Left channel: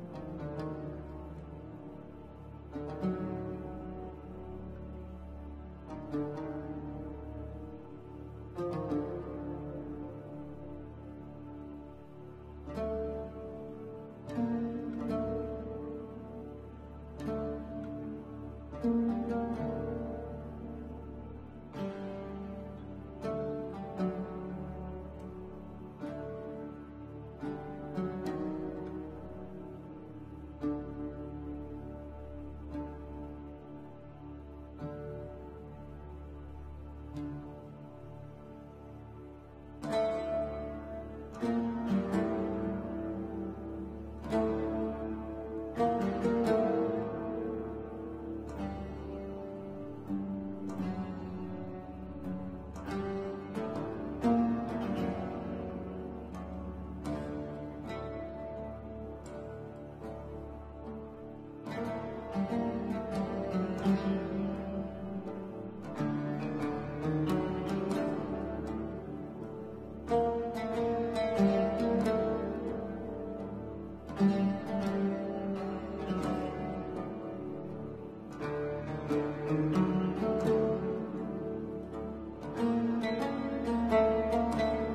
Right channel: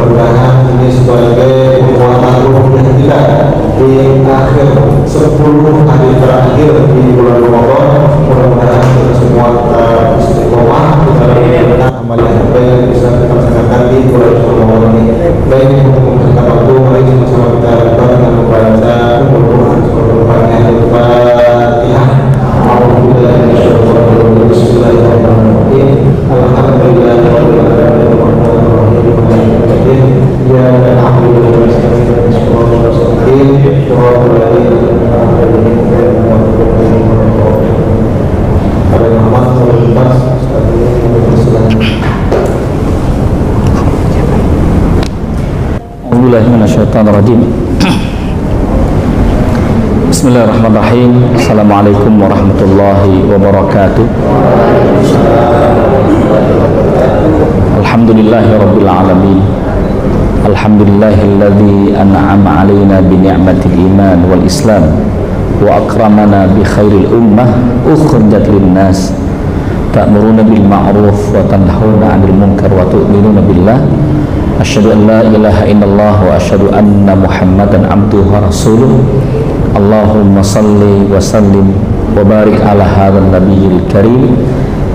mudah-mudahan ini sebagai penguatan ruhnya kita di akhir 10 hari terakhir di bulan Ramadan. Mudah-mudahan kita semua istiqomah kita lakukan amal yang baik bisa kita laksanakan di bulan Ramadan ini. Baik untuk mempersingkat waktu, mari sama-sama kita lakukan dengan membaca Al-Qur'an yang Al-Fatihah. Bismillahirrahmanirrahim. Bismillahirrahmanirrahim. Assalamualaikum warahmatullahi wabarakatuh. Alhamdulillahirabbil alamin. Alhamdulillahilladzi an'ama 'alaina bi ni'matil iman wal islam wa akramana bi khairil ummah ukhrijat lin-nas ta'muruna bil ma'ruf wa tanhauna 'anil munkar wa tu'minuna billah. Asyhadu an la ilaha illallah wa asyhadu anna Muhammadan abduhu wa rasuluh. Allahumma salli wa sallim wa barik ala hadzal nabiyil karim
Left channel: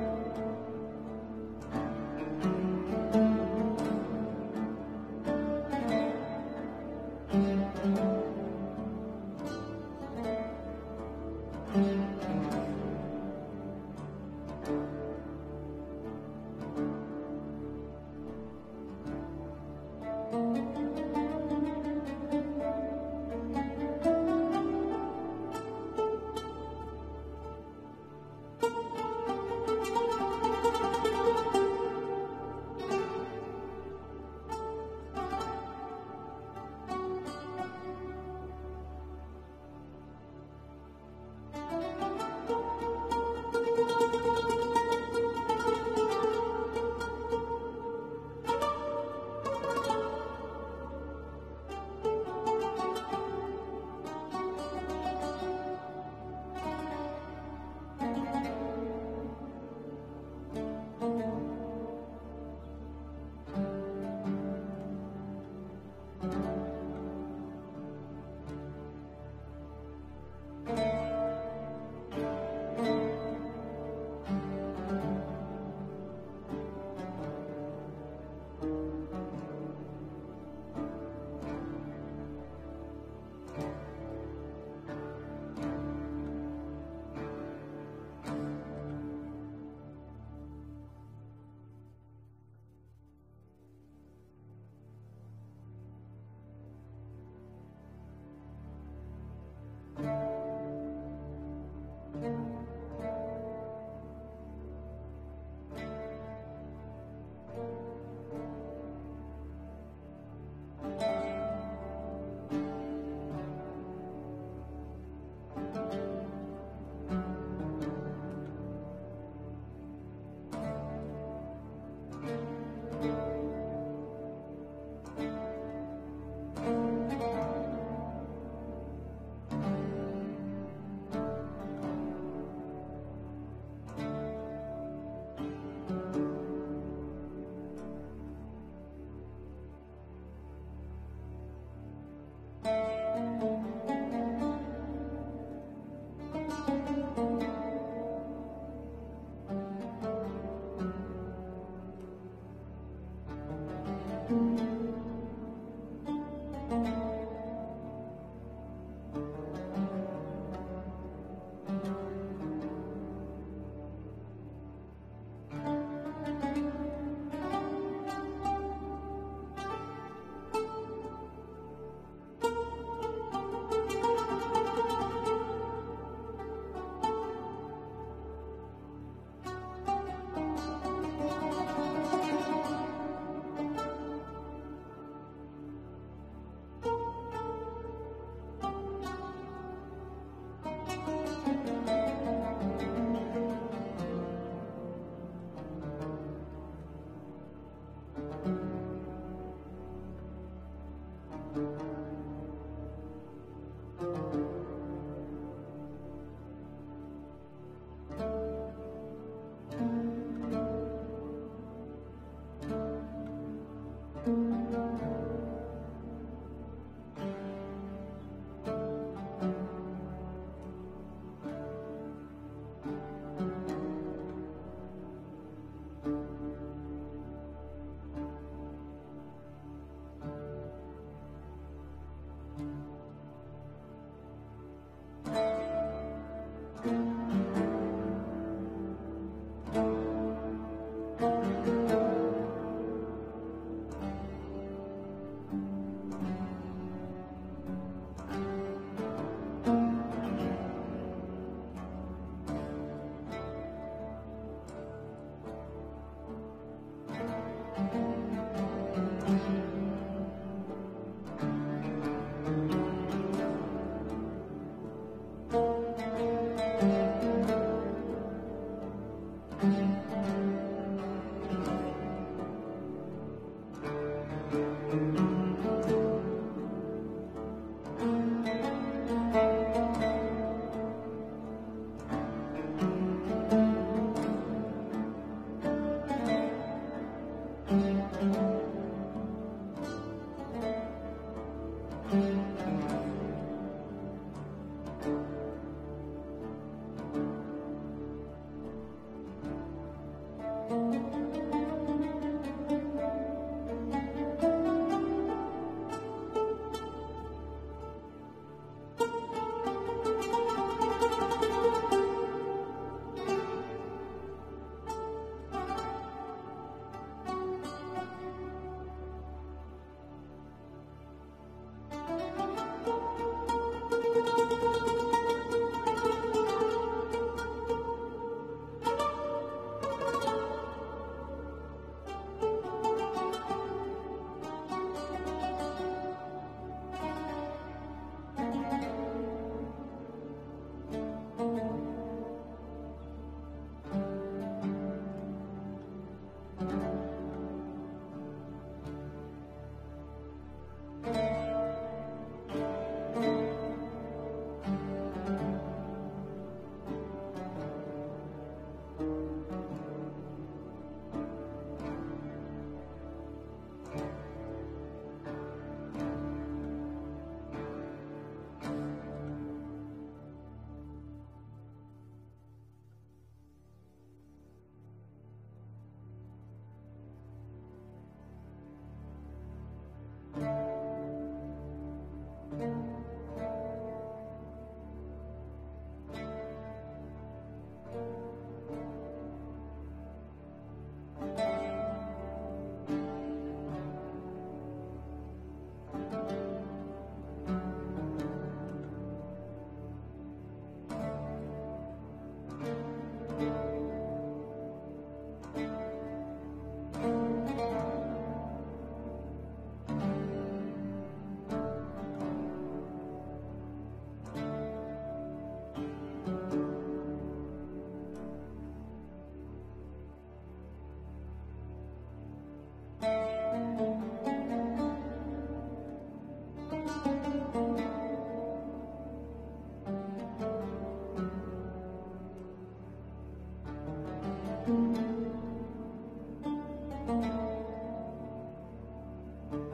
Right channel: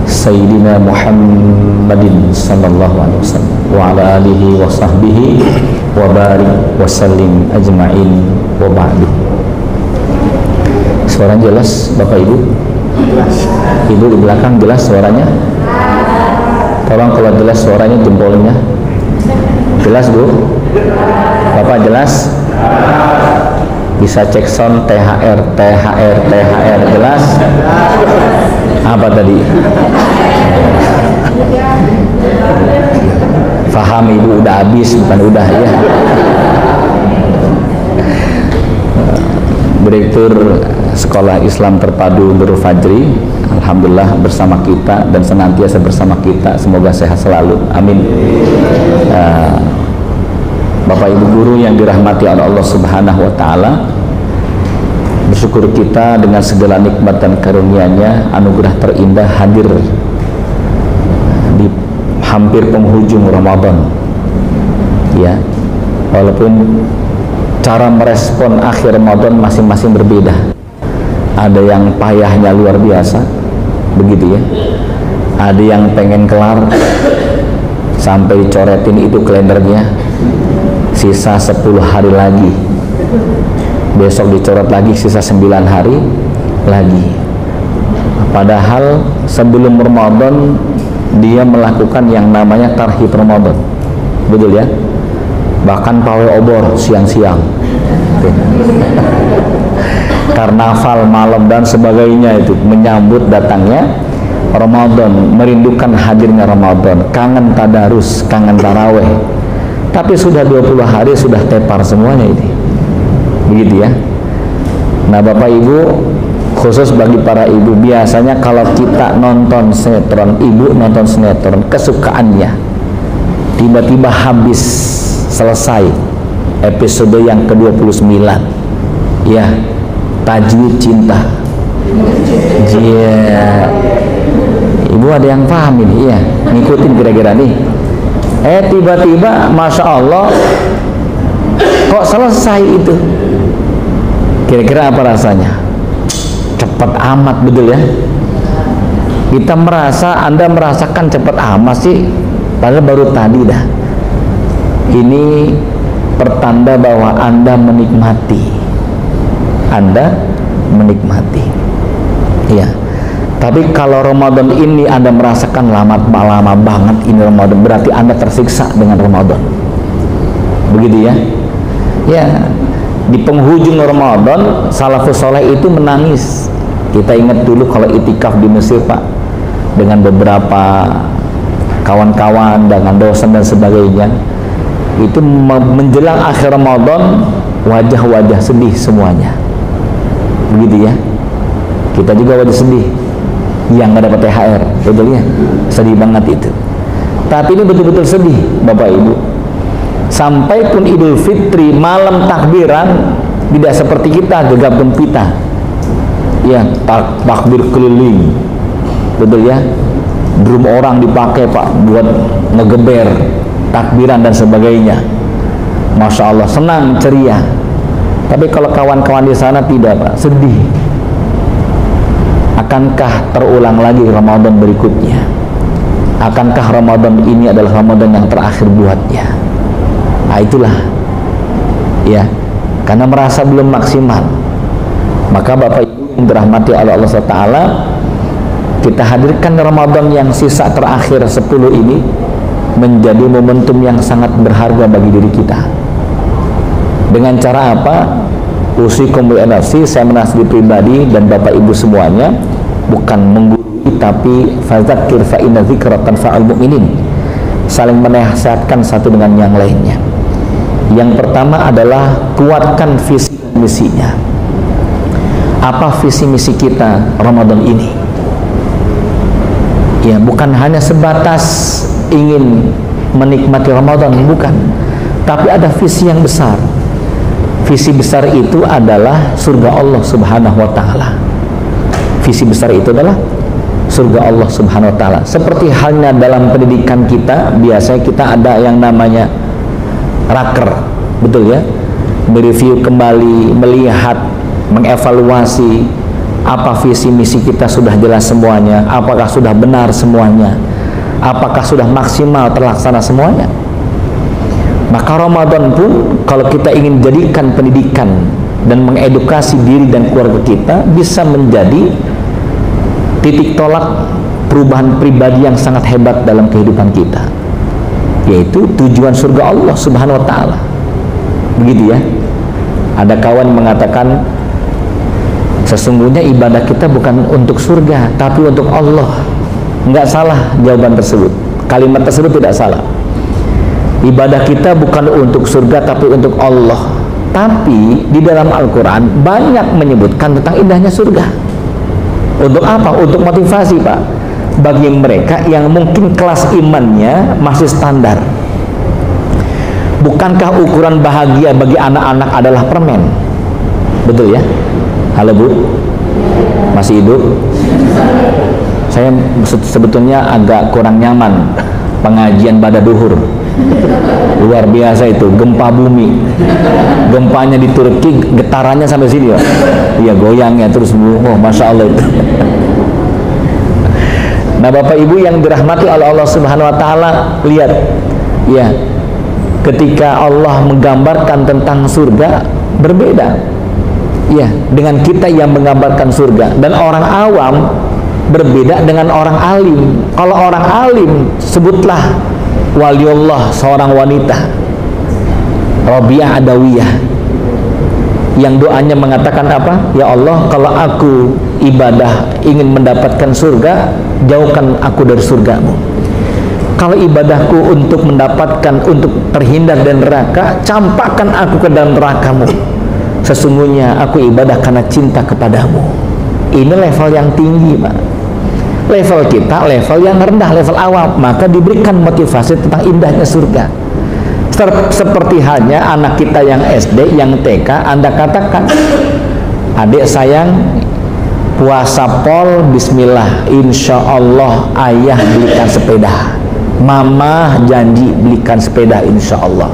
Sayyidina Muhammadin sallallahu alaihi wasallam wa ala alihi wa sahbihi wa barik wa sallim ajma'in wa ba'du. Suara jelas Bapak Ibu? Ibu di belakang jelas suaranya? Tolong kalau jelas suaranya jempolnya. Jelas Bu? Bapak jelas? Bisa cek sound THR jelas? Apa tadi? Faham Ibu udah habis bukan udah ya. Direktur Sekolah Islam Terpadu Nurul Fajri, alhamdulillah bersama kita dan senantiasa bersama kita, semoga sehat selalu, amin. Bapak Ibu guru yang dirahmati oleh Allah Subhanahu wa taala, bersyukur kita dengan segala nikmat dan karunia-Nya, anugerah terindah hadir di hampir penghujung Ramadan. Ya, walaupun cara merespon akhir Ramadan masing-masing berbeda. Ada yang payahnya luar biasa, begitu ya. Ada yang pengen kelar sampai coretin itu kalendernya, sisa 10 hari lagi. Besok dicoret lagi sisa 9 hari lagi. Padahal sebelum Ramadan dia melakukan yang namanya tarhib Ramadan, betul ya? Bahkan pawai obor siang-siang, karnaval malam dan sebagainya, itu menyambut datangnya Ramadan, merindukan hadirnya Ramadan, kangen tadarus, kangen taraweh. Tapi sudah 20 hari sudah tepar semuanya ini, begitu ya. Nah Bapak Ibu, khusus bagi para ibu, biasanya kalau kita nonton sinetron, ibu nonton sinetron kesukaannya, tiba-tiba habis selesai episode yang ke-29 ya, Tajwid Cinta. Yeah. Ibu ada yang paham ini ya, ngikutin kira-kira nih. Tiba-tiba Masya Allah kok selesai itu, kira-kira apa rasanya? Cepat amat, betul ya. Kita merasa, Anda merasakan cepat amat sih, padahal baru tadi dah. Ini pertanda bahwa Anda menikmati, ya. Tapi kalau Ramadan ini Anda merasakan lama banget ini Ramadan, berarti Anda tersiksa dengan Ramadan, begitu ya. Ya, di penghujung Ramadan salafus soleh itu menangis. Kita ingat dulu kalau itikaf di Mesir Pak, dengan beberapa kawan-kawan, dengan dosen dan sebagainya, itu menjelang akhir Ramadan wajah-wajah sedih semuanya, begitu ya. Kita juga wajah sedih yang nggak dapat THR, betul ya, sedih banget itu. Tapi ini betul-betul sedih Bapak Ibu. Sampai pun Idul Fitri malam takbiran tidak seperti kita gegap gempita, ya, takbir keliling, betul ya. Drum orang dipakai Pak buat ngegeber takbiran dan sebagainya. Masya Allah, senang, ceria. Tapi kalau kawan-kawan di sana tidak, Pak, sedih. Akankah terulang lagi Ramadan berikutnya? Akankah Ramadan ini adalah Ramadan yang terakhir buatnya? Nah itulah, ya, karena merasa belum maksimal. Maka Bapak Ibu yang dirahmati oleh Allah SWT, kita hadirkan Ramadan yang sisa terakhir 10 ini menjadi momentum yang sangat berharga bagi diri kita. Dengan cara apa? Usikum bi nafsi, saya menasihati pribadi dan Bapak Ibu semuanya, bukan menggurui tapi fadzakir fa inna dzikra tanfa'ul mu'minin. Saling menasihatkan satu dengan yang lainnya. Yang pertama adalah kuatkan visi dan misinya. Apa visi misi kita Ramadan ini? Ya, bukan hanya sebatas ingin menikmati Ramadan, bukan. Tapi ada visi yang besar. Visi besar itu adalah surga Allah Subhanahu wa taala. Visi besar itu adalah surga Allah Subhanahu wa taala. Seperti halnya dalam pendidikan kita, biasanya kita ada yang namanya raker, betul ya? Mereview kembali, melihat, mengevaluasi apa visi misi kita sudah jelas semuanya, apakah sudah benar semuanya, apakah sudah maksimal terlaksana semuanya. Maka Ramadan pun kalau kita ingin jadikan pendidikan dan mengedukasi diri dan keluarga kita, bisa menjadi titik tolak perubahan pribadi yang sangat hebat dalam kehidupan kita, yaitu tujuan surga Allah Subhanahu wa taala. Begitu ya. Ada kawan yang mengatakan, sesungguhnya ibadah kita bukan untuk surga tapi untuk Allah. Enggak salah jawaban tersebut, kalimat tersebut tidak salah. Ibadah kita bukan untuk surga tapi untuk Allah. Tapi di dalam Al-Quran banyak menyebutkan tentang indahnya surga. Untuk apa? Untuk motivasi, Pak, bagi mereka yang mungkin kelas imannya masih standar. Bukankah ukuran bahagia bagi anak-anak adalah permen? Betul ya? Halo Bu, masih hidup? Saya sebetulnya agak kurang nyaman pengajian pada duhur. Luar biasa itu, gempa bumi. Gempanya di Turki, getarannya sampai sini ya. Iya, goyangnya terus, oh Masya Allah itu. Nah Bapak Ibu yang dirahmati oleh Allah Subhanahu wa taala, lihat ya, ketika Allah menggambarkan tentang surga berbeda ya dengan kita yang menggambarkan surga. Dan orang awam berbeda dengan orang alim. Kalau orang alim, sebutlah waliullah, seorang wanita Rabi'ah Adawiyah, yang doanya mengatakan apa? Ya Allah, kalau aku ibadah ingin mendapatkan surga, jauhkan aku dari surgamu. Kalau ibadahku untuk mendapatkan, untuk terhindar dari neraka, campakkan aku ke dalam nerakamu. Sesungguhnya aku ibadah karena cinta kepadamu. Ini level yang tinggi, Pak. Level kita level yang rendah, level awam. Maka diberikan motivasi tentang indahnya surga. Seperti halnya anak kita yang SD, yang TK, Anda katakan, adik sayang, puasa pol, bismillah, insya Allah ayah belikan sepeda, mama janji belikan sepeda insya Allah.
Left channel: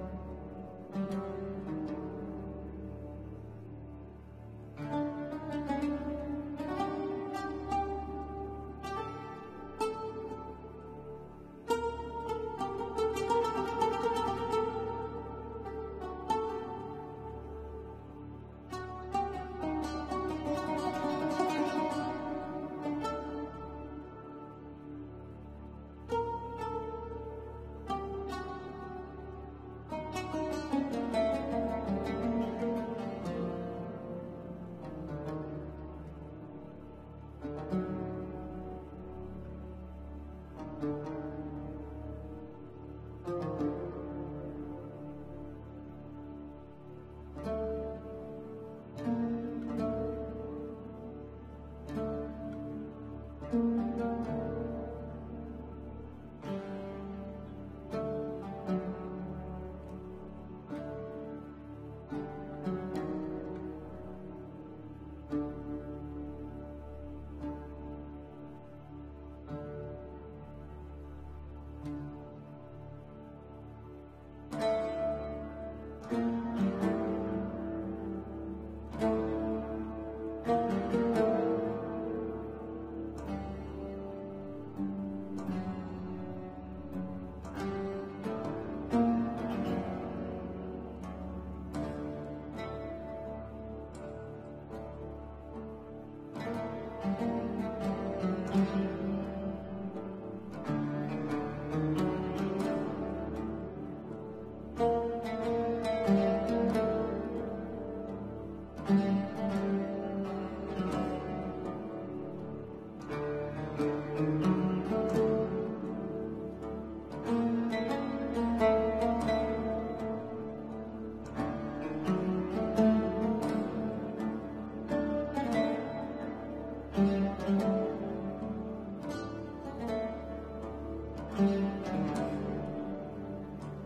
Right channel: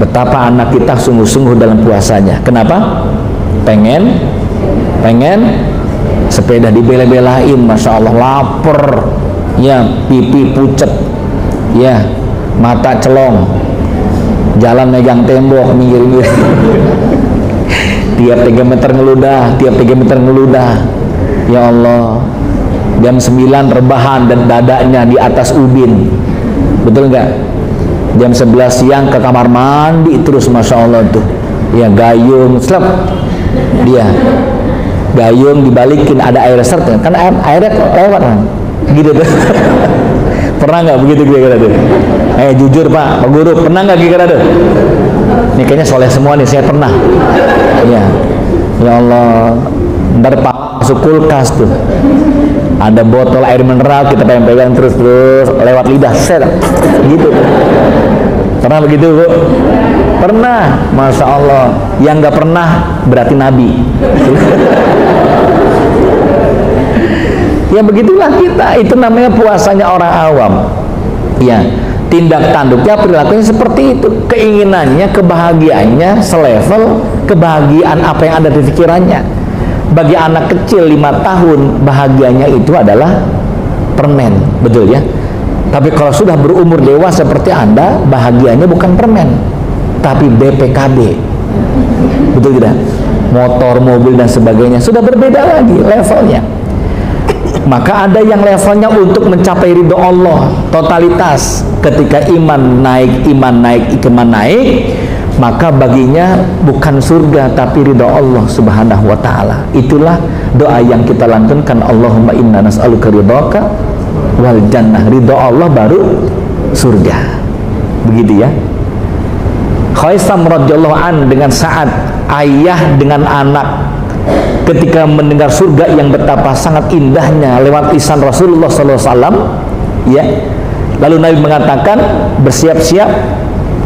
Betapa anak kita sungguh-sungguh dalam puasanya. Kenapa? Pengen sepeda, dibela-belain, Masya Allah, lapar ya, pipi pucet ya, mata celong, jalan megang tembok, minggir-minggir. Tiap 3 meter ngeludah, tiap 3 meter ngeludah. Ya Allah, jam 9 rebahan dan dadanya di atas ubin. Betul nggak? Jam 11 siang ke kamar mandi terus, Masya Allah tuh ya, gayung slep dia, gayung dibalikin, ada air serta kan, airnya lewat kan gitu tuh. Pernah nggak begitu kira-kira tuh? Jujur Pak Guru, pernah nggak kira-kira tuh? Ini kayaknya soleh semua nih, saya pernah ya. Ya Allah, ntar Pak masuk kulkas tuh, ada botol air mineral, kita pegang terus lewat lidah set gitu tuh. Pernah begitu Bu? Pernah, Masya Allah. Yang nggak pernah berarti Nabi. Ya begitulah kita, itu namanya puasanya orang awam. Ya, tindak tanduknya, perilakunya seperti itu. Keinginannya, kebahagiaannya selevel kebahagiaan apa yang ada di pikirannya. Bagi anak kecil 5 tahun, bahagianya itu adalah permen, betul ya? Tapi kalau sudah berumur dewasa seperti Anda, bahagianya bukan permen, tapi BPKB. Betul tidak? Motor, mobil dan sebagainya sudah berbeda lagi levelnya. Maka ada yang levelnya untuk mencapai ridho Allah totalitas. Ketika iman naik, maka baginya bukan surga tapi ridho Allah subhanahu wa ta'ala. Itulah doa yang kita lantunkan, Allahumma inna nas'aluka ridhoka wal jannah. Ridho Allah baru surga. Begitu ya. Khaisam radhiyallahu an dengan saat ayah dengan anak ketika mendengar surga yang betapa sangat indahnya lewat lisan Rasulullah SAW, ya. Lalu Nabi mengatakan, bersiap-siap,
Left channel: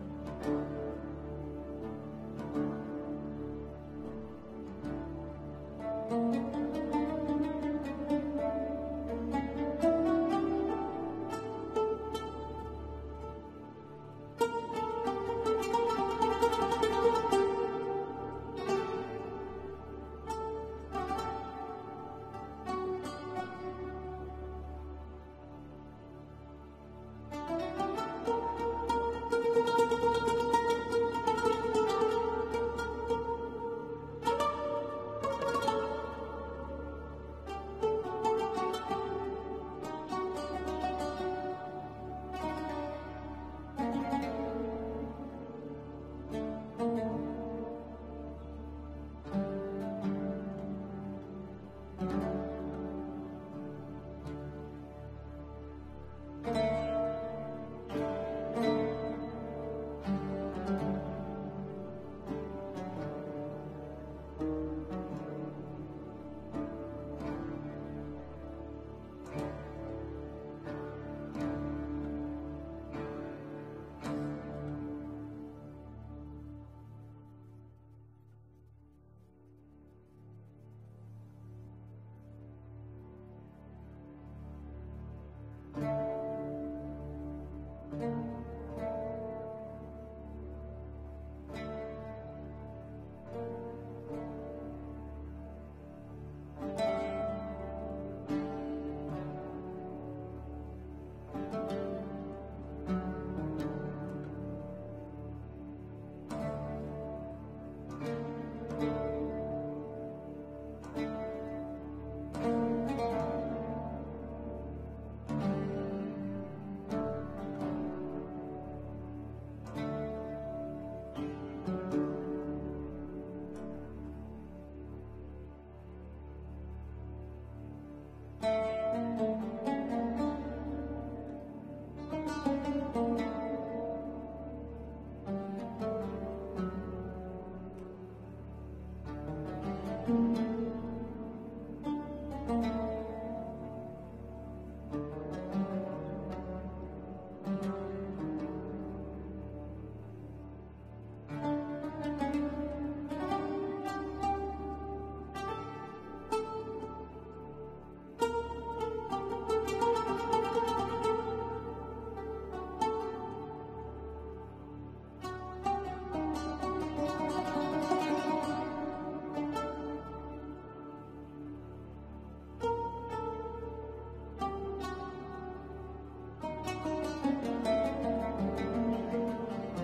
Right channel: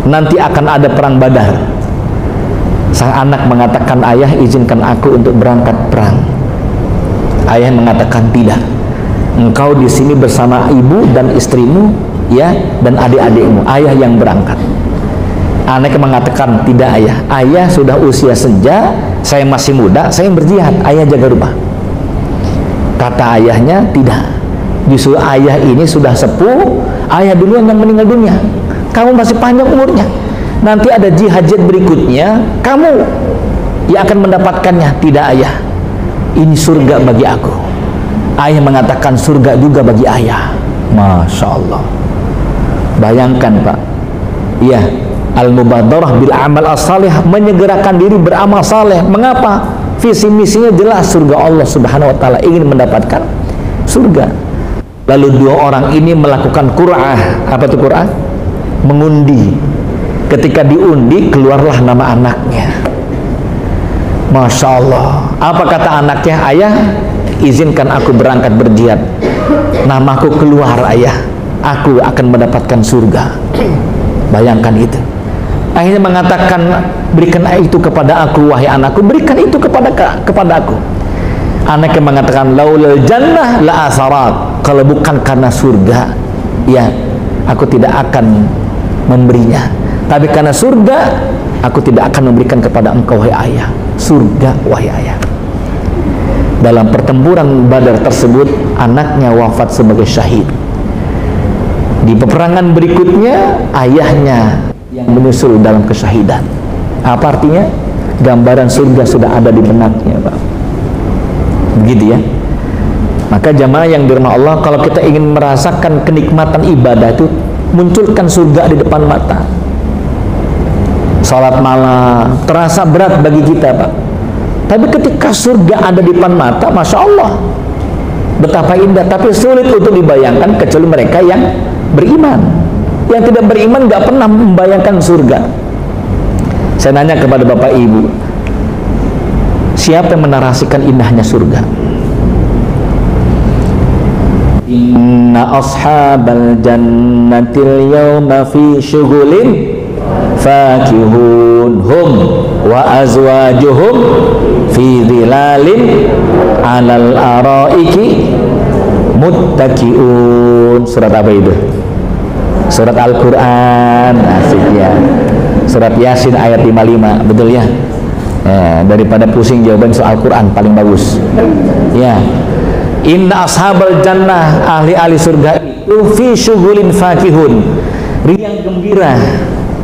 nanti akan ada perang Badar. Sang anak mengatakan, ayah izinkan aku untuk berangkat perang. Ayah mengatakan, tidak. Engkau di sini bersama ibu dan istrimu, ya, dan adik-adikmu. Ayah yang berangkat. Anak mengatakan, tidak ayah. Ayah sudah usia senja, saya masih muda, saya berjihad. Ayah jaga rumah. Kata ayahnya, tidak. Justru ayah ini sudah sepuh, ayah duluan yang meninggal dunia. Kamu masih panjang umurnya. Nanti ada jihad berikutnya, kamu yang akan mendapatkannya. Tidak ayah. Ini surga bagi aku. Ayah mengatakan surga juga bagi ayah. Masya Allah. Bayangkan Pak. Iya. Al-mubadarah bil amal as-salih, menyegerakan diri beramal saleh. Mengapa? Visi misinya jelas, surga Allah subhanahu wa ta'ala, ingin mendapatkan surga. Lalu dua orang ini melakukan qur'ah. Apa itu qur'ah? Mengundi. Ketika diundi, keluarlah nama anaknya. Masya Allah. Apa kata anaknya? Ayah, izinkan aku berangkat berjihad. Namaku keluar ayah, aku akan mendapatkan surga. Bayangkan itu. Akhirnya mengatakan, berikan itu kepada aku wahai anakku, berikan itu kepada aku. Anaknya mengatakan, laulal jannah la asarat. Kalau bukan karena surga, ya aku tidak akan memberinya. Tapi karena surga, aku tidak akan memberikan kepada engkau wahai ayah. Surga wahai ayah. Dalam pertempuran Badar tersebut, anaknya wafat sebagai syahid. Di peperangan berikutnya, ayahnya yang menyusul dalam kesyahidan. Apa artinya? Gambaran surga sudah ada di benaknya, Pak. Begitu ya. Maka jamaah yang dirahmati Allah, kalau kita ingin merasakan kenikmatan ibadah itu, munculkan surga di depan mata. Salat malam terasa berat bagi kita, Pak. Tapi ketika surga ada di depan mata, Masya Allah, betapa indah. Tapi sulit untuk dibayangkan kecuali mereka yang beriman. Yang tidak beriman gak pernah membayangkan surga. Saya nanya kepada Bapak Ibu, siapa yang menarasikan indahnya surga? Inna ashabal jannatil yawma fi syughulin fakihun hum wa azwajuhum fi dhilalin alal araiki muttaki'un. Surat apa itu? Surat Al-Quran. Asik ya. Surat Yasin ayat 55. Betul ya? Daripada pusing jawaban soal Al-Quran paling bagus ya. Inna ashabal jannah, ahli-ahli surga itu fi syughulin fakihun, riang gembira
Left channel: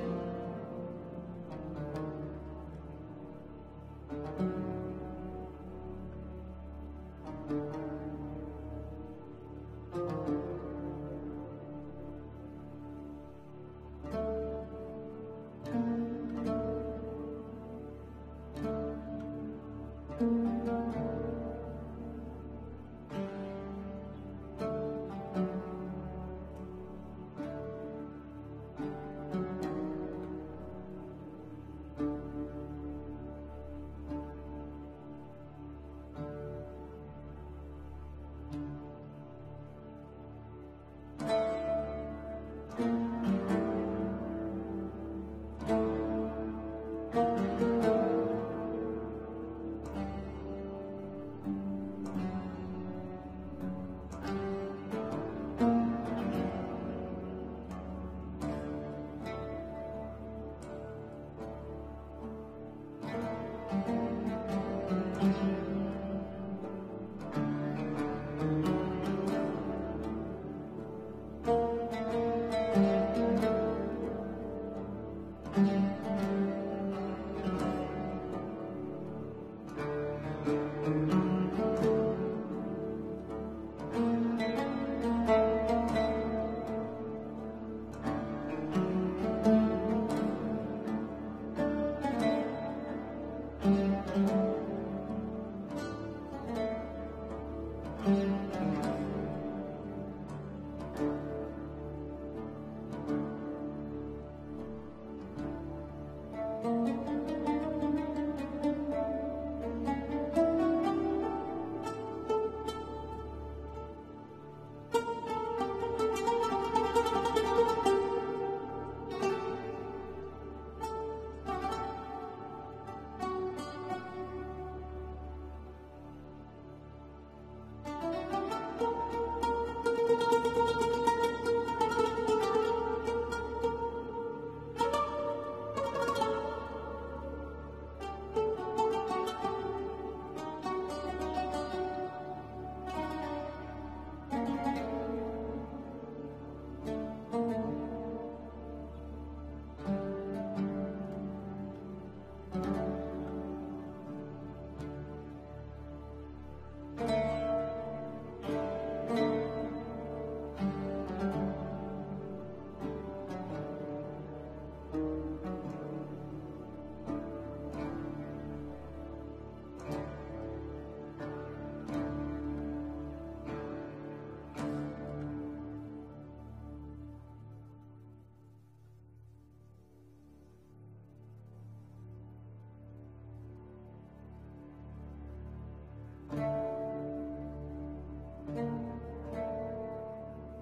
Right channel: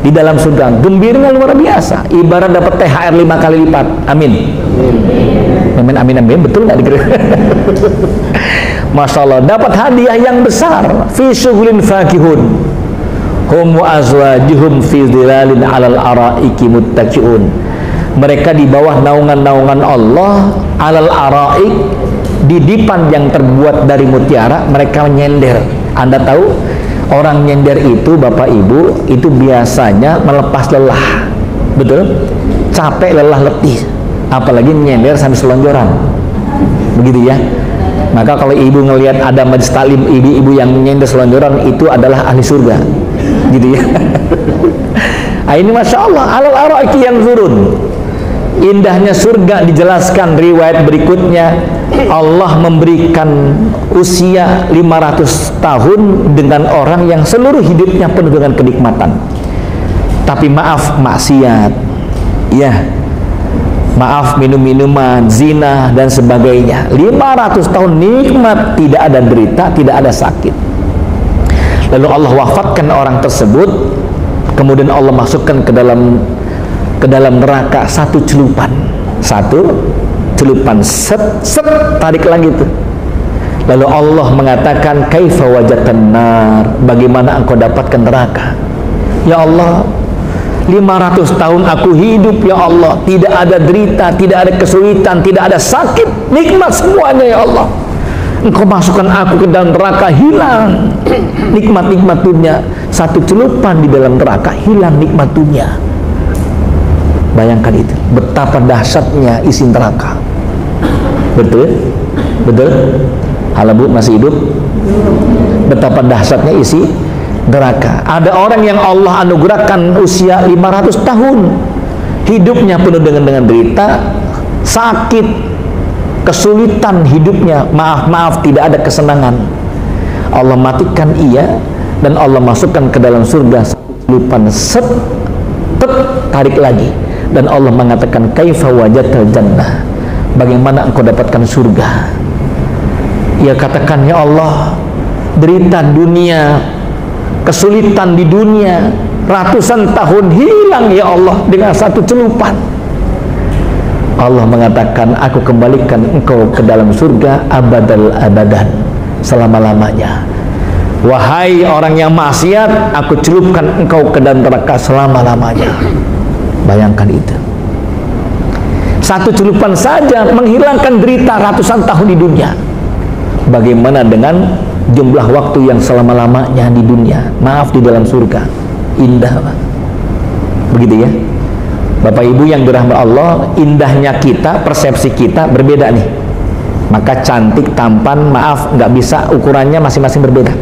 di dalam surga. Gembiranya luar biasa, ibarat dapat THR 5 kali lipat. Amin. Amin, amin, amin. Betul nggak dikira? Masya Allah, dapat hadiah yang besar. Fi syughulin fakihun hum wa azwajuhum fi dhilalin alal araiki muttaqiun. Mereka di bawah naungan-naungan Allah, alal araik, di dipan yang terbuat dari mutiara. Mereka nyender. Anda tahu orang nyender itu, Bapak Ibu, itu biasanya melepas lelah. Betul? Capek, lelah, letih. Apalagi nyender sambil selonjoran. Begitu ya. Maka kalau ibu ngelihat ada majlis taklim ibu-ibu yang nyender selonjoran, itu adalah ahli surga. Gitu ya. Nah, ini Masya Allah, alal araiki yang turun. Indahnya surga dijelaskan riwayat berikutnya. Allah memberikan usia 500 tahun dengan orang yang seluruh hidupnya penuh dengan kenikmatan. Tapi maaf, maksiat, ya, maaf, minum-minuman, zina dan sebagainya. 500 tahun nikmat, tidak ada derita, tidak ada sakit. Lalu Allah wafatkan orang tersebut, kemudian Allah masukkan ke dalam neraka satu celupan, set, tarik lagi itu. Lalu Allah mengatakan, kaifa wajatan nar, bagaimana engkau dapatkan neraka? Ya Allah, 500 tahun aku hidup, ya Allah, tidak ada derita, tidak ada kesulitan, tidak ada sakit, nikmat semuanya, ya Allah. Engkau masukkan aku ke dalam neraka, hilang nikmat-nikmat dunia. Satu celupan di dalam neraka, hilang nikmat dunia. Bayangkan itu, betapa dahsyatnya isi neraka. Betul? Betul? Halo Bu, masih hidup? Betapa dahsyatnya isi neraka. Ada orang yang Allah anugerahkan usia 500 tahun, hidupnya penuh dengan derita, sakit, kesulitan hidupnya, maaf, tidak ada kesenangan. Allah matikan ia dan Allah masukkan ke dalam surga celupan, set, tarik lagi. Dan Allah mengatakan, kaifa wajatal jannah, bagaimana engkau dapatkan surga? Ia katakan, ya Allah, derita dunia, kesulitan di dunia, ratusan tahun hilang, ya Allah, dengan satu celupan. Allah mengatakan, aku kembalikan engkau ke dalam surga abadal abadan, selama-lamanya. Wahai orang yang maksiat, aku celupkan engkau ke dalam neraka selama-lamanya. Bayangkan itu. Satu celupan saja menghilangkan derita ratusan tahun di dunia. Bagaimana dengan jumlah waktu yang selama-lamanya di dunia? Maaf, di dalam surga. Indah, Pak. Begitu ya. Bapak Ibu yang dirahmati Allah, indahnya kita, persepsi kita berbeda nih. Maka cantik, tampan, maaf, nggak bisa, ukurannya masing-masing berbeda.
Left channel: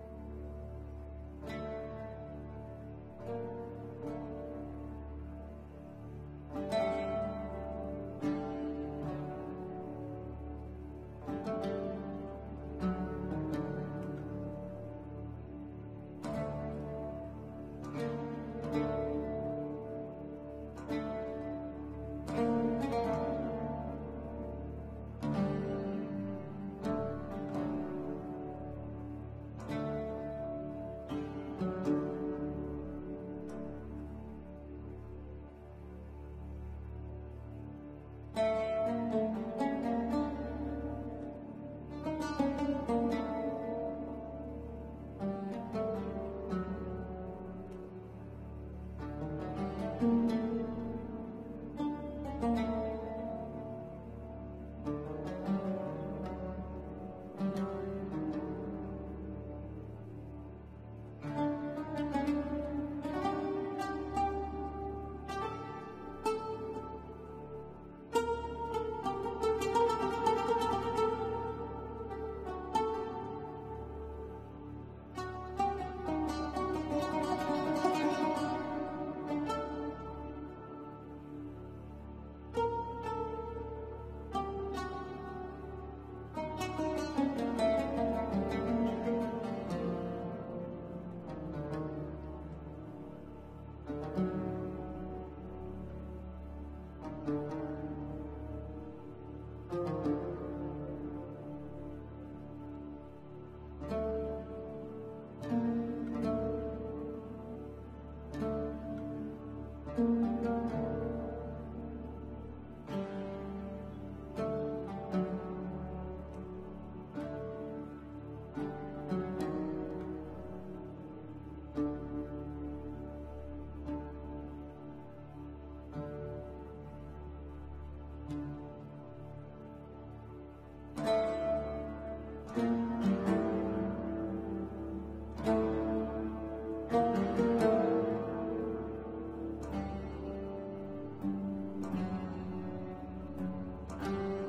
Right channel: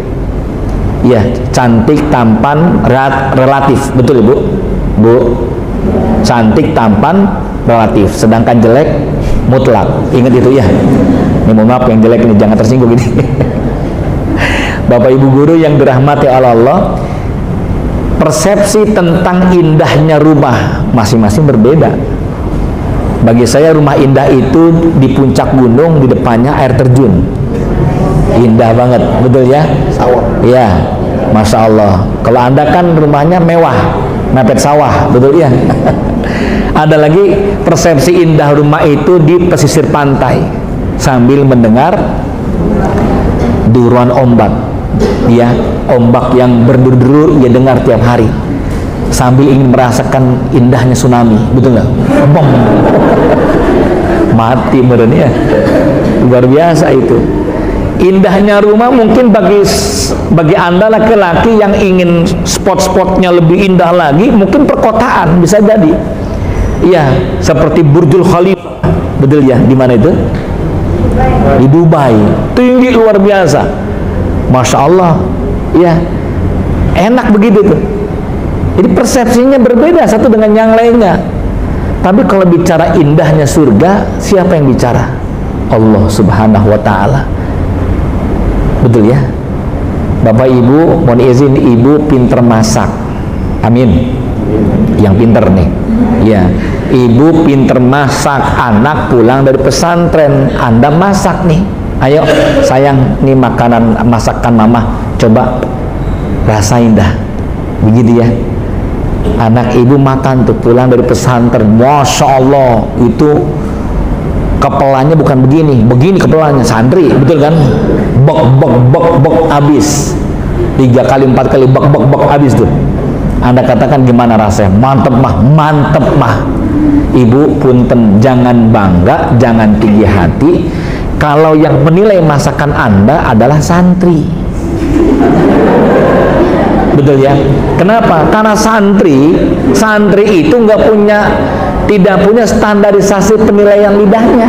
Ya, cantik, tampan, relatif. Betul Ibu? Bu, cantik, tampan, relatif. Sedangkan jelek, mutlak. Ingat itu ya. Ini mohon maaf yang jelek ini, jangan tersinggung ini. Bapak Ibu guru yang dirahmati Allah, persepsi tentang indahnya rumah masing-masing berbeda. Bagi saya rumah indah itu di puncak gunung, di depannya air terjun. Indah banget, betul ya? Sawah. Ya, Masya Allah. Kalau Anda kan rumahnya mewah, mepet sawah, betul ya? Ada lagi persepsi indah rumah itu di pesisir pantai, sambil mendengar deruan ombak. Ya, ombak yang berderu-deru ia dengar tiap hari, sambil ingin merasakan indahnya tsunami, betul nggak? Bom, mati meren ya, luar biasa itu. Indahnya rumah mungkin bagi Anda laki-laki yang ingin spot-spotnya lebih indah lagi, mungkin perkotaan bisa jadi. Iya, seperti Burjul Khalifah, betul ya? Di mana itu? Di Dubai, tinggi luar biasa. Masya Allah, ya, enak begitu tuh. Jadi persepsinya berbeda satu dengan yang lainnya. Tapi kalau bicara indahnya surga, siapa yang bicara? Allah Subhanahu wa Ta'ala. Betul ya? Bapak Ibu, mohon izin, Ibu pinter masak. Amin. Yang pinter nih. Ya, Ibu pinter masak, anak pulang dari pesantren, Anda masak nih. Ayo sayang, nih makanan masakan mama, coba rasain dah. Begitu ya. Anak Ibu makan tuh pulang dari pesantren, Masya Allah, itu kepalanya bukan begini kepalanya, santri, betul kan? Bok habis. 3 kali 4 kali bok habis tuh. Anda katakan gimana rasanya? Mantep mah. Ibu punten, jangan bangga, jangan tinggi hati kalau yang menilai masakan Anda adalah santri. Betul ya? Kenapa? Karena santri itu tidak punya standarisasi penilaian lidahnya.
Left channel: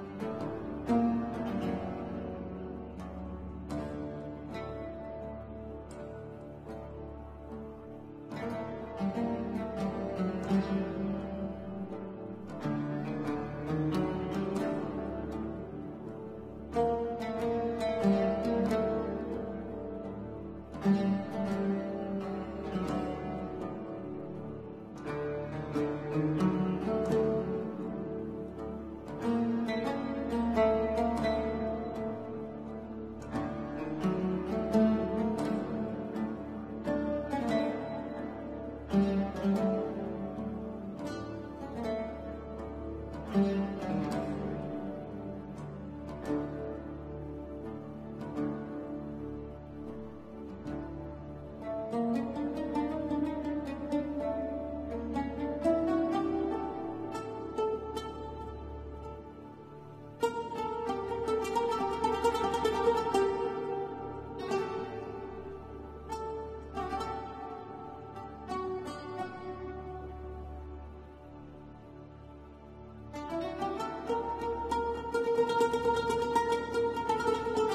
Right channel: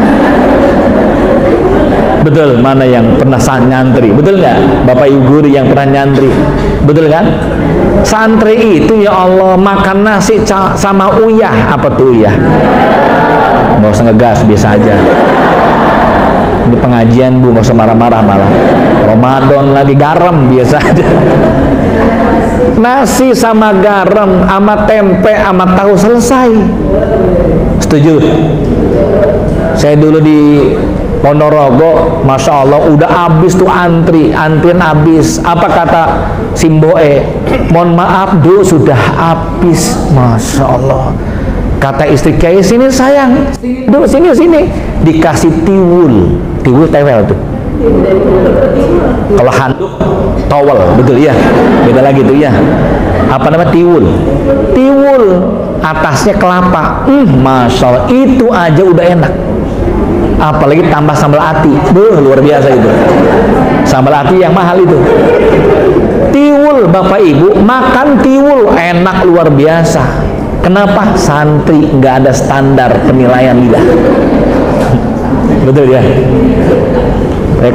Betul, mana yang pernah nyantri? Betul nggak? Bapak Ibu guru yang pernah nyantri, betul kan? Santri itu ya Allah makan nasi sama uyah. Apa tuh uyah? Nggak usah ngegas, biasa aja. Ini pengajian Bu, nggak usah marah-marah malah. Ramadan lagi garam biasa aja. Nasi sama garam, sama tempe, sama tahu selesai. Setuju? Saya dulu di Ponorogo, Masya Allah, udah habis tuh antrian habis. Apa kata Simboe? Mohon maaf dulu sudah habis. Masya Allah. Kata istri, kayak sini sayang, dulu sini, dikasih tiwul tewel tuh. Kalau handuk, towel, betul ya. Beda lagi tuh ya. Apa nama tiwul? Tiwul, atasnya kelapa. Masya Allah, itu aja udah enak. Apalagi tambah sambal ati, luar biasa itu. Sambal ati yang mahal itu. Tiwul, Bapak Ibu, makan tiwul enak luar biasa. Kenapa? Santri nggak ada standar penilaian lidah. Betul ya?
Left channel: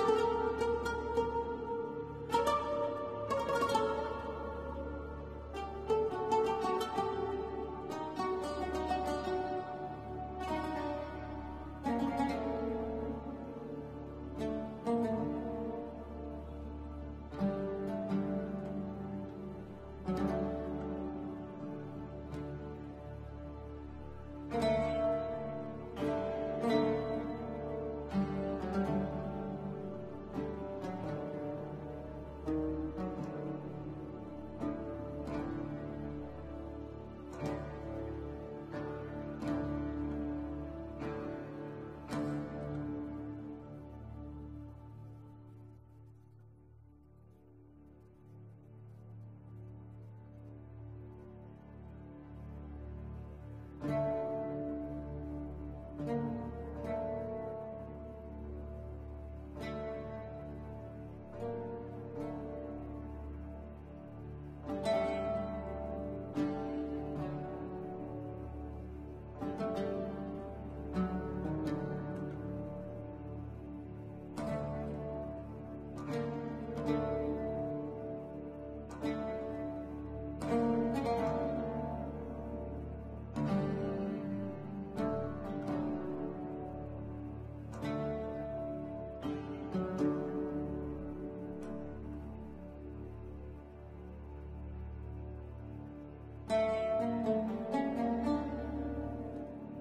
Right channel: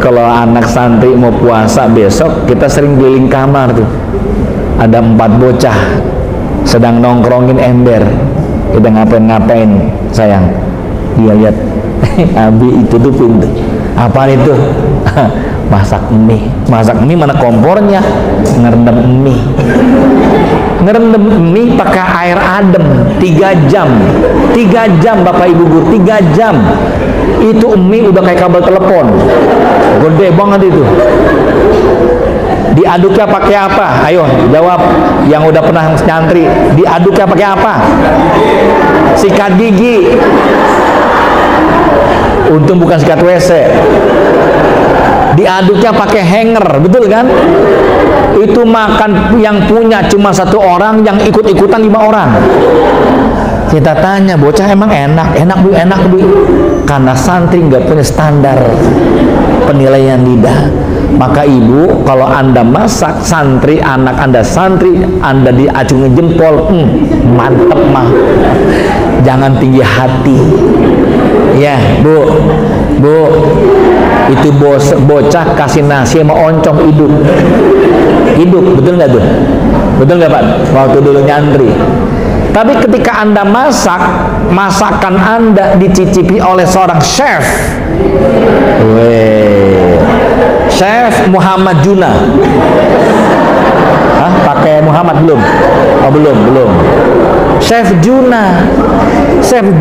Kalau anak santri mau puasa besok, kita sering keliling kamar tuh. Ada 4 bocah sedang nongkrongin ember. Kita ngapain sayang? Dia lihat, Abi itu tuh pintu. Apaan itu? Masak mie. Masak mie mana kompornya? Ngerendam mie. Ngerendam mie pakai air adem 3 jam. 3 jam Bapak Ibu guru, 3 jam. Itu mie udah kayak kabel telepon. Gede banget itu. Diaduknya pakai apa? Ayo jawab yang udah pernah nyantri. Diaduknya pakai apa? Sikat gigi. Untung bukan sikat WC. Diaduknya pakai hanger, betul kan? Itu makan yang punya cuma 1 orang, yang ikut-ikutan 5 orang. Kita tanya, bocah emang enak bu. Karena santri nggak punya standar penilaian lidah. Maka ibu, kalau anda masak santri, anak anda santri, anda diacungi jempol, mantep mah. Jangan tinggi hati. Ya bu, itu bocah kasih nasi sama oncom hidup, betul nggak tuh? Betul nggak Pak? Waktu dulu nyantri. Tapi ketika anda masak, masakan anda dicicipi oleh seorang chef. Chef Muhammad Juna. Hah? Pakai Muhammad belum? Oh belum. Chef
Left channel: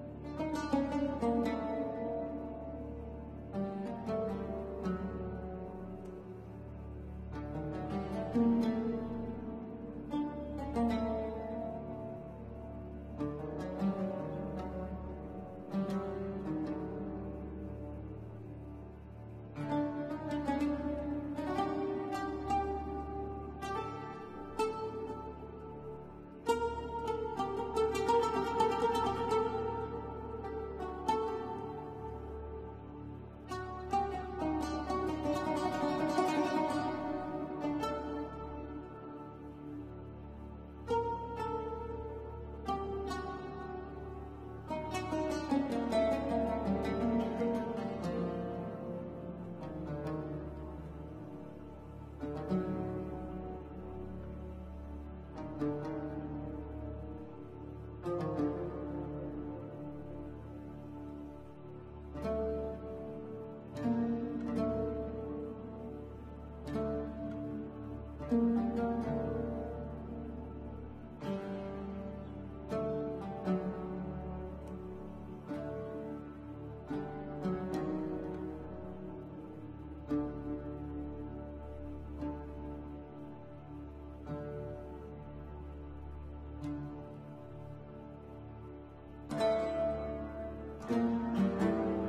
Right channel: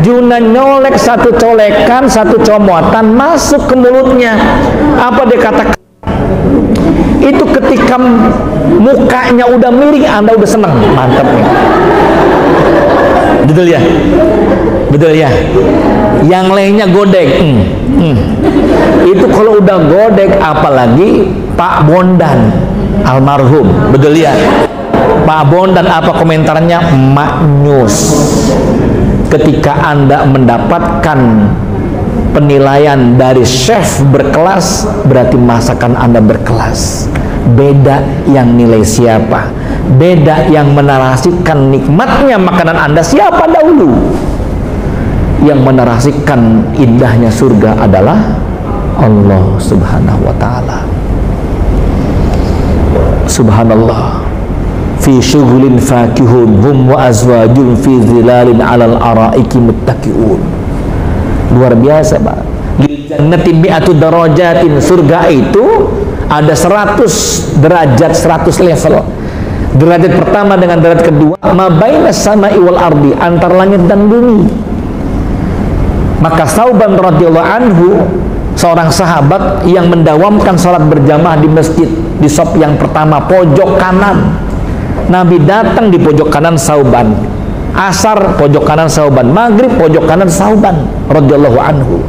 Juna nyolek 1 colekan, 1 comotan masuk ke mulutnya. Apa dia katakan? Itu ketika mukanya udah miring, anda udah seneng, mantap nih. Betul ya. Yang lainnya godek. Itu kalau udah godek, apalagi Pak Bondan almarhum, betul ya. Pak Bondan apa komentarnya? Maknyus. Ketika anda mendapatkan penilaian dari chef berkelas, berarti masakan anda berkelas. Beda yang nilai siapa, beda yang menarasikan nikmatnya makanan anda siapa dahulu. Yang menarasikan indahnya surga adalah Allah Subhanahu wa ta'ala. Subhanallah. Fi syughulin fakihun hum wa azwajun fi zilalin 'alal araiki muttaqiun. Luar biasa, Pak. Lil jannati mi'atu darajatin. Surga itu ada 100 derajat, 100 level. Derajat pertama dengan derajat kedua, ma bainas sama'i wal ardi, antar langit dan bumi. Maka Sauban radhiyallahu anhu, seorang sahabat yang mendawamkan salat berjamaah di masjid, di shop yang pertama pojok kanan. Nabi datang di pojok kanan Sauban. Asar pojok kanan Sauban, maghrib pojok kanan Sauban radhiyallahu anhu.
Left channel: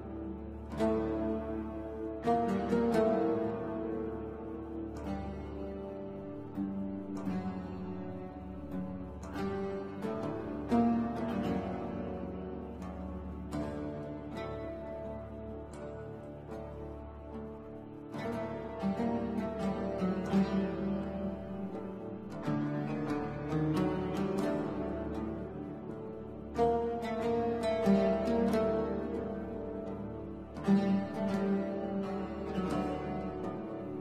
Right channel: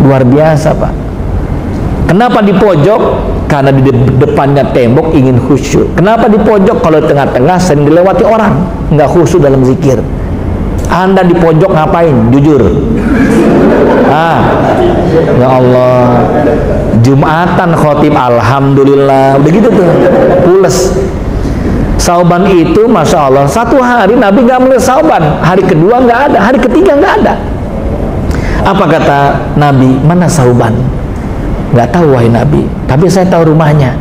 Luar biasa, Pak. Kenapa di pojok? Karena di depannya tembok ingin khusyuk. Kenapa di pojok? Kalau tengah-tengah sering dilewati orang, nggak khusyuk dalam zikir. Anda di pojok ngapain? Jujur. Ya Allah, Jumatan khotib alhamdulillah, udah gitu tuh, pules. Sauban itu Masya Allah, 1 hari Nabi nggak melihat Sauban, hari kedua nggak ada, hari ketiga nggak ada. Apa kata Nabi? Mana Sauban? Nggak tahu wahai Nabi, tapi saya tahu rumahnya.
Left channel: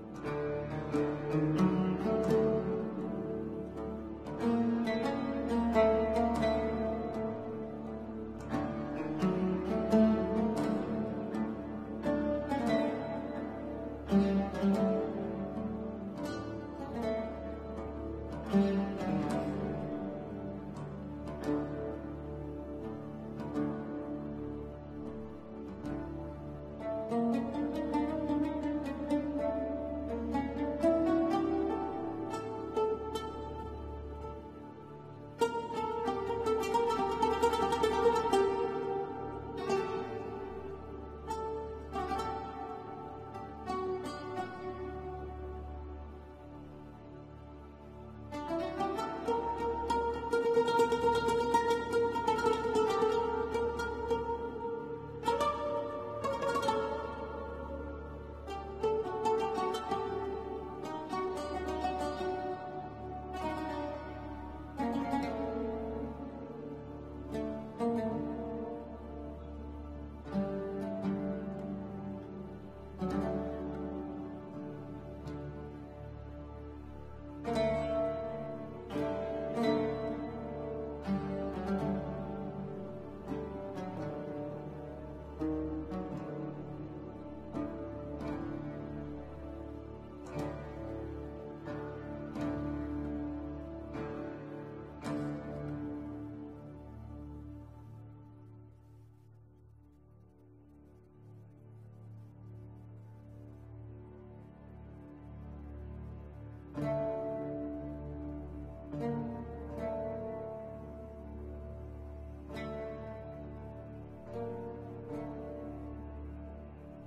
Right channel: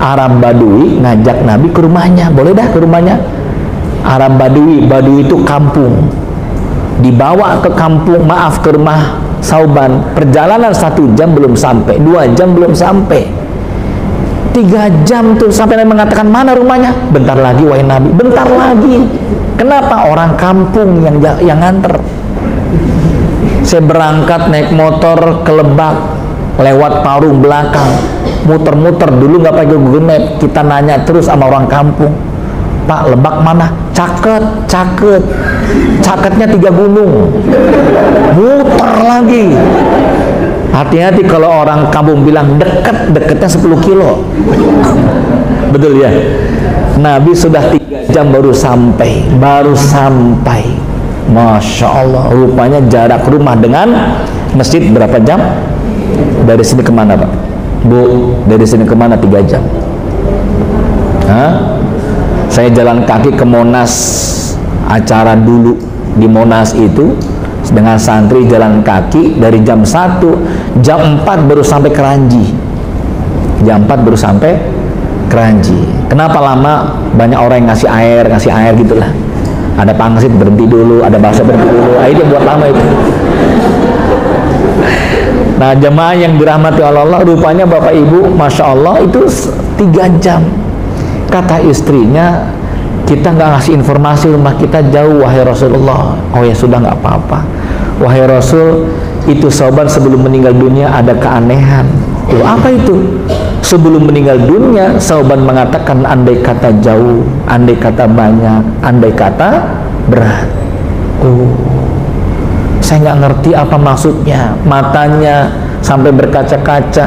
Arab Badui ngajak Nabi ke rumahnya, boleh dah ke rumahnya. Arab Badui itu kampung, dibawa ke kampung, ke rumah Sauban, perjalanan 1 jam belum sampai, 2 jam belum sampai, 3 jam tuh sampai Nabi mengatakan, mana rumahnya? Bentar lagi wahai Nabi, bentar lagi. Kenapa? Orang kampung yang nganter. Saya berangkat naik motor ke Lebak, lewat Parung belakang, muter-muter, dulu nggak pakai Google Map, kita nanya terus sama orang kampung, Pak, Lebak mana? Caketnya 3 gunung. Muter lagi. Hati-hati kalau orang kampung bilang deketnya 10 kilo. Betul ya? Nabi sudah 3 jam baru sampai. Masya Allah, rupanya jarak rumah dengan masjid berapa jam? Dari sini kemana Pak? Bu, dari sini kemana 3 jam? Hah? Saya jalan kaki ke Monas, acara dulu di Monas itu dengan santri jalan kaki dari jam 1, jam 4 baru sampai Keranji. Kenapa lama? Banyak orang yang ngasih air gitulah. Ada pangsit berhenti dulu, ada bakso berhenti dulu. Itu buat lama itu. Nah, jemaah yang dirahmati Allah, rupanya Bapak Ibu, Masya Allah, itu 3 jam. Kata istrinya, kita nggak ngasih informasi rumah kita jauh, wahai Rasulullah. Oh ya sudah, nggak apa-apa. Wahai Rasul, itu Sauban sebelum meninggal dunia ada keanehan. Loh, apa itu? Sebelum meninggal dunia, Sauban mengatakan, andai kata jauh, andai kata banyak, andai kata berat. Oh, saya nggak ngerti apa maksudnya. Matanya sampai berkaca-kaca.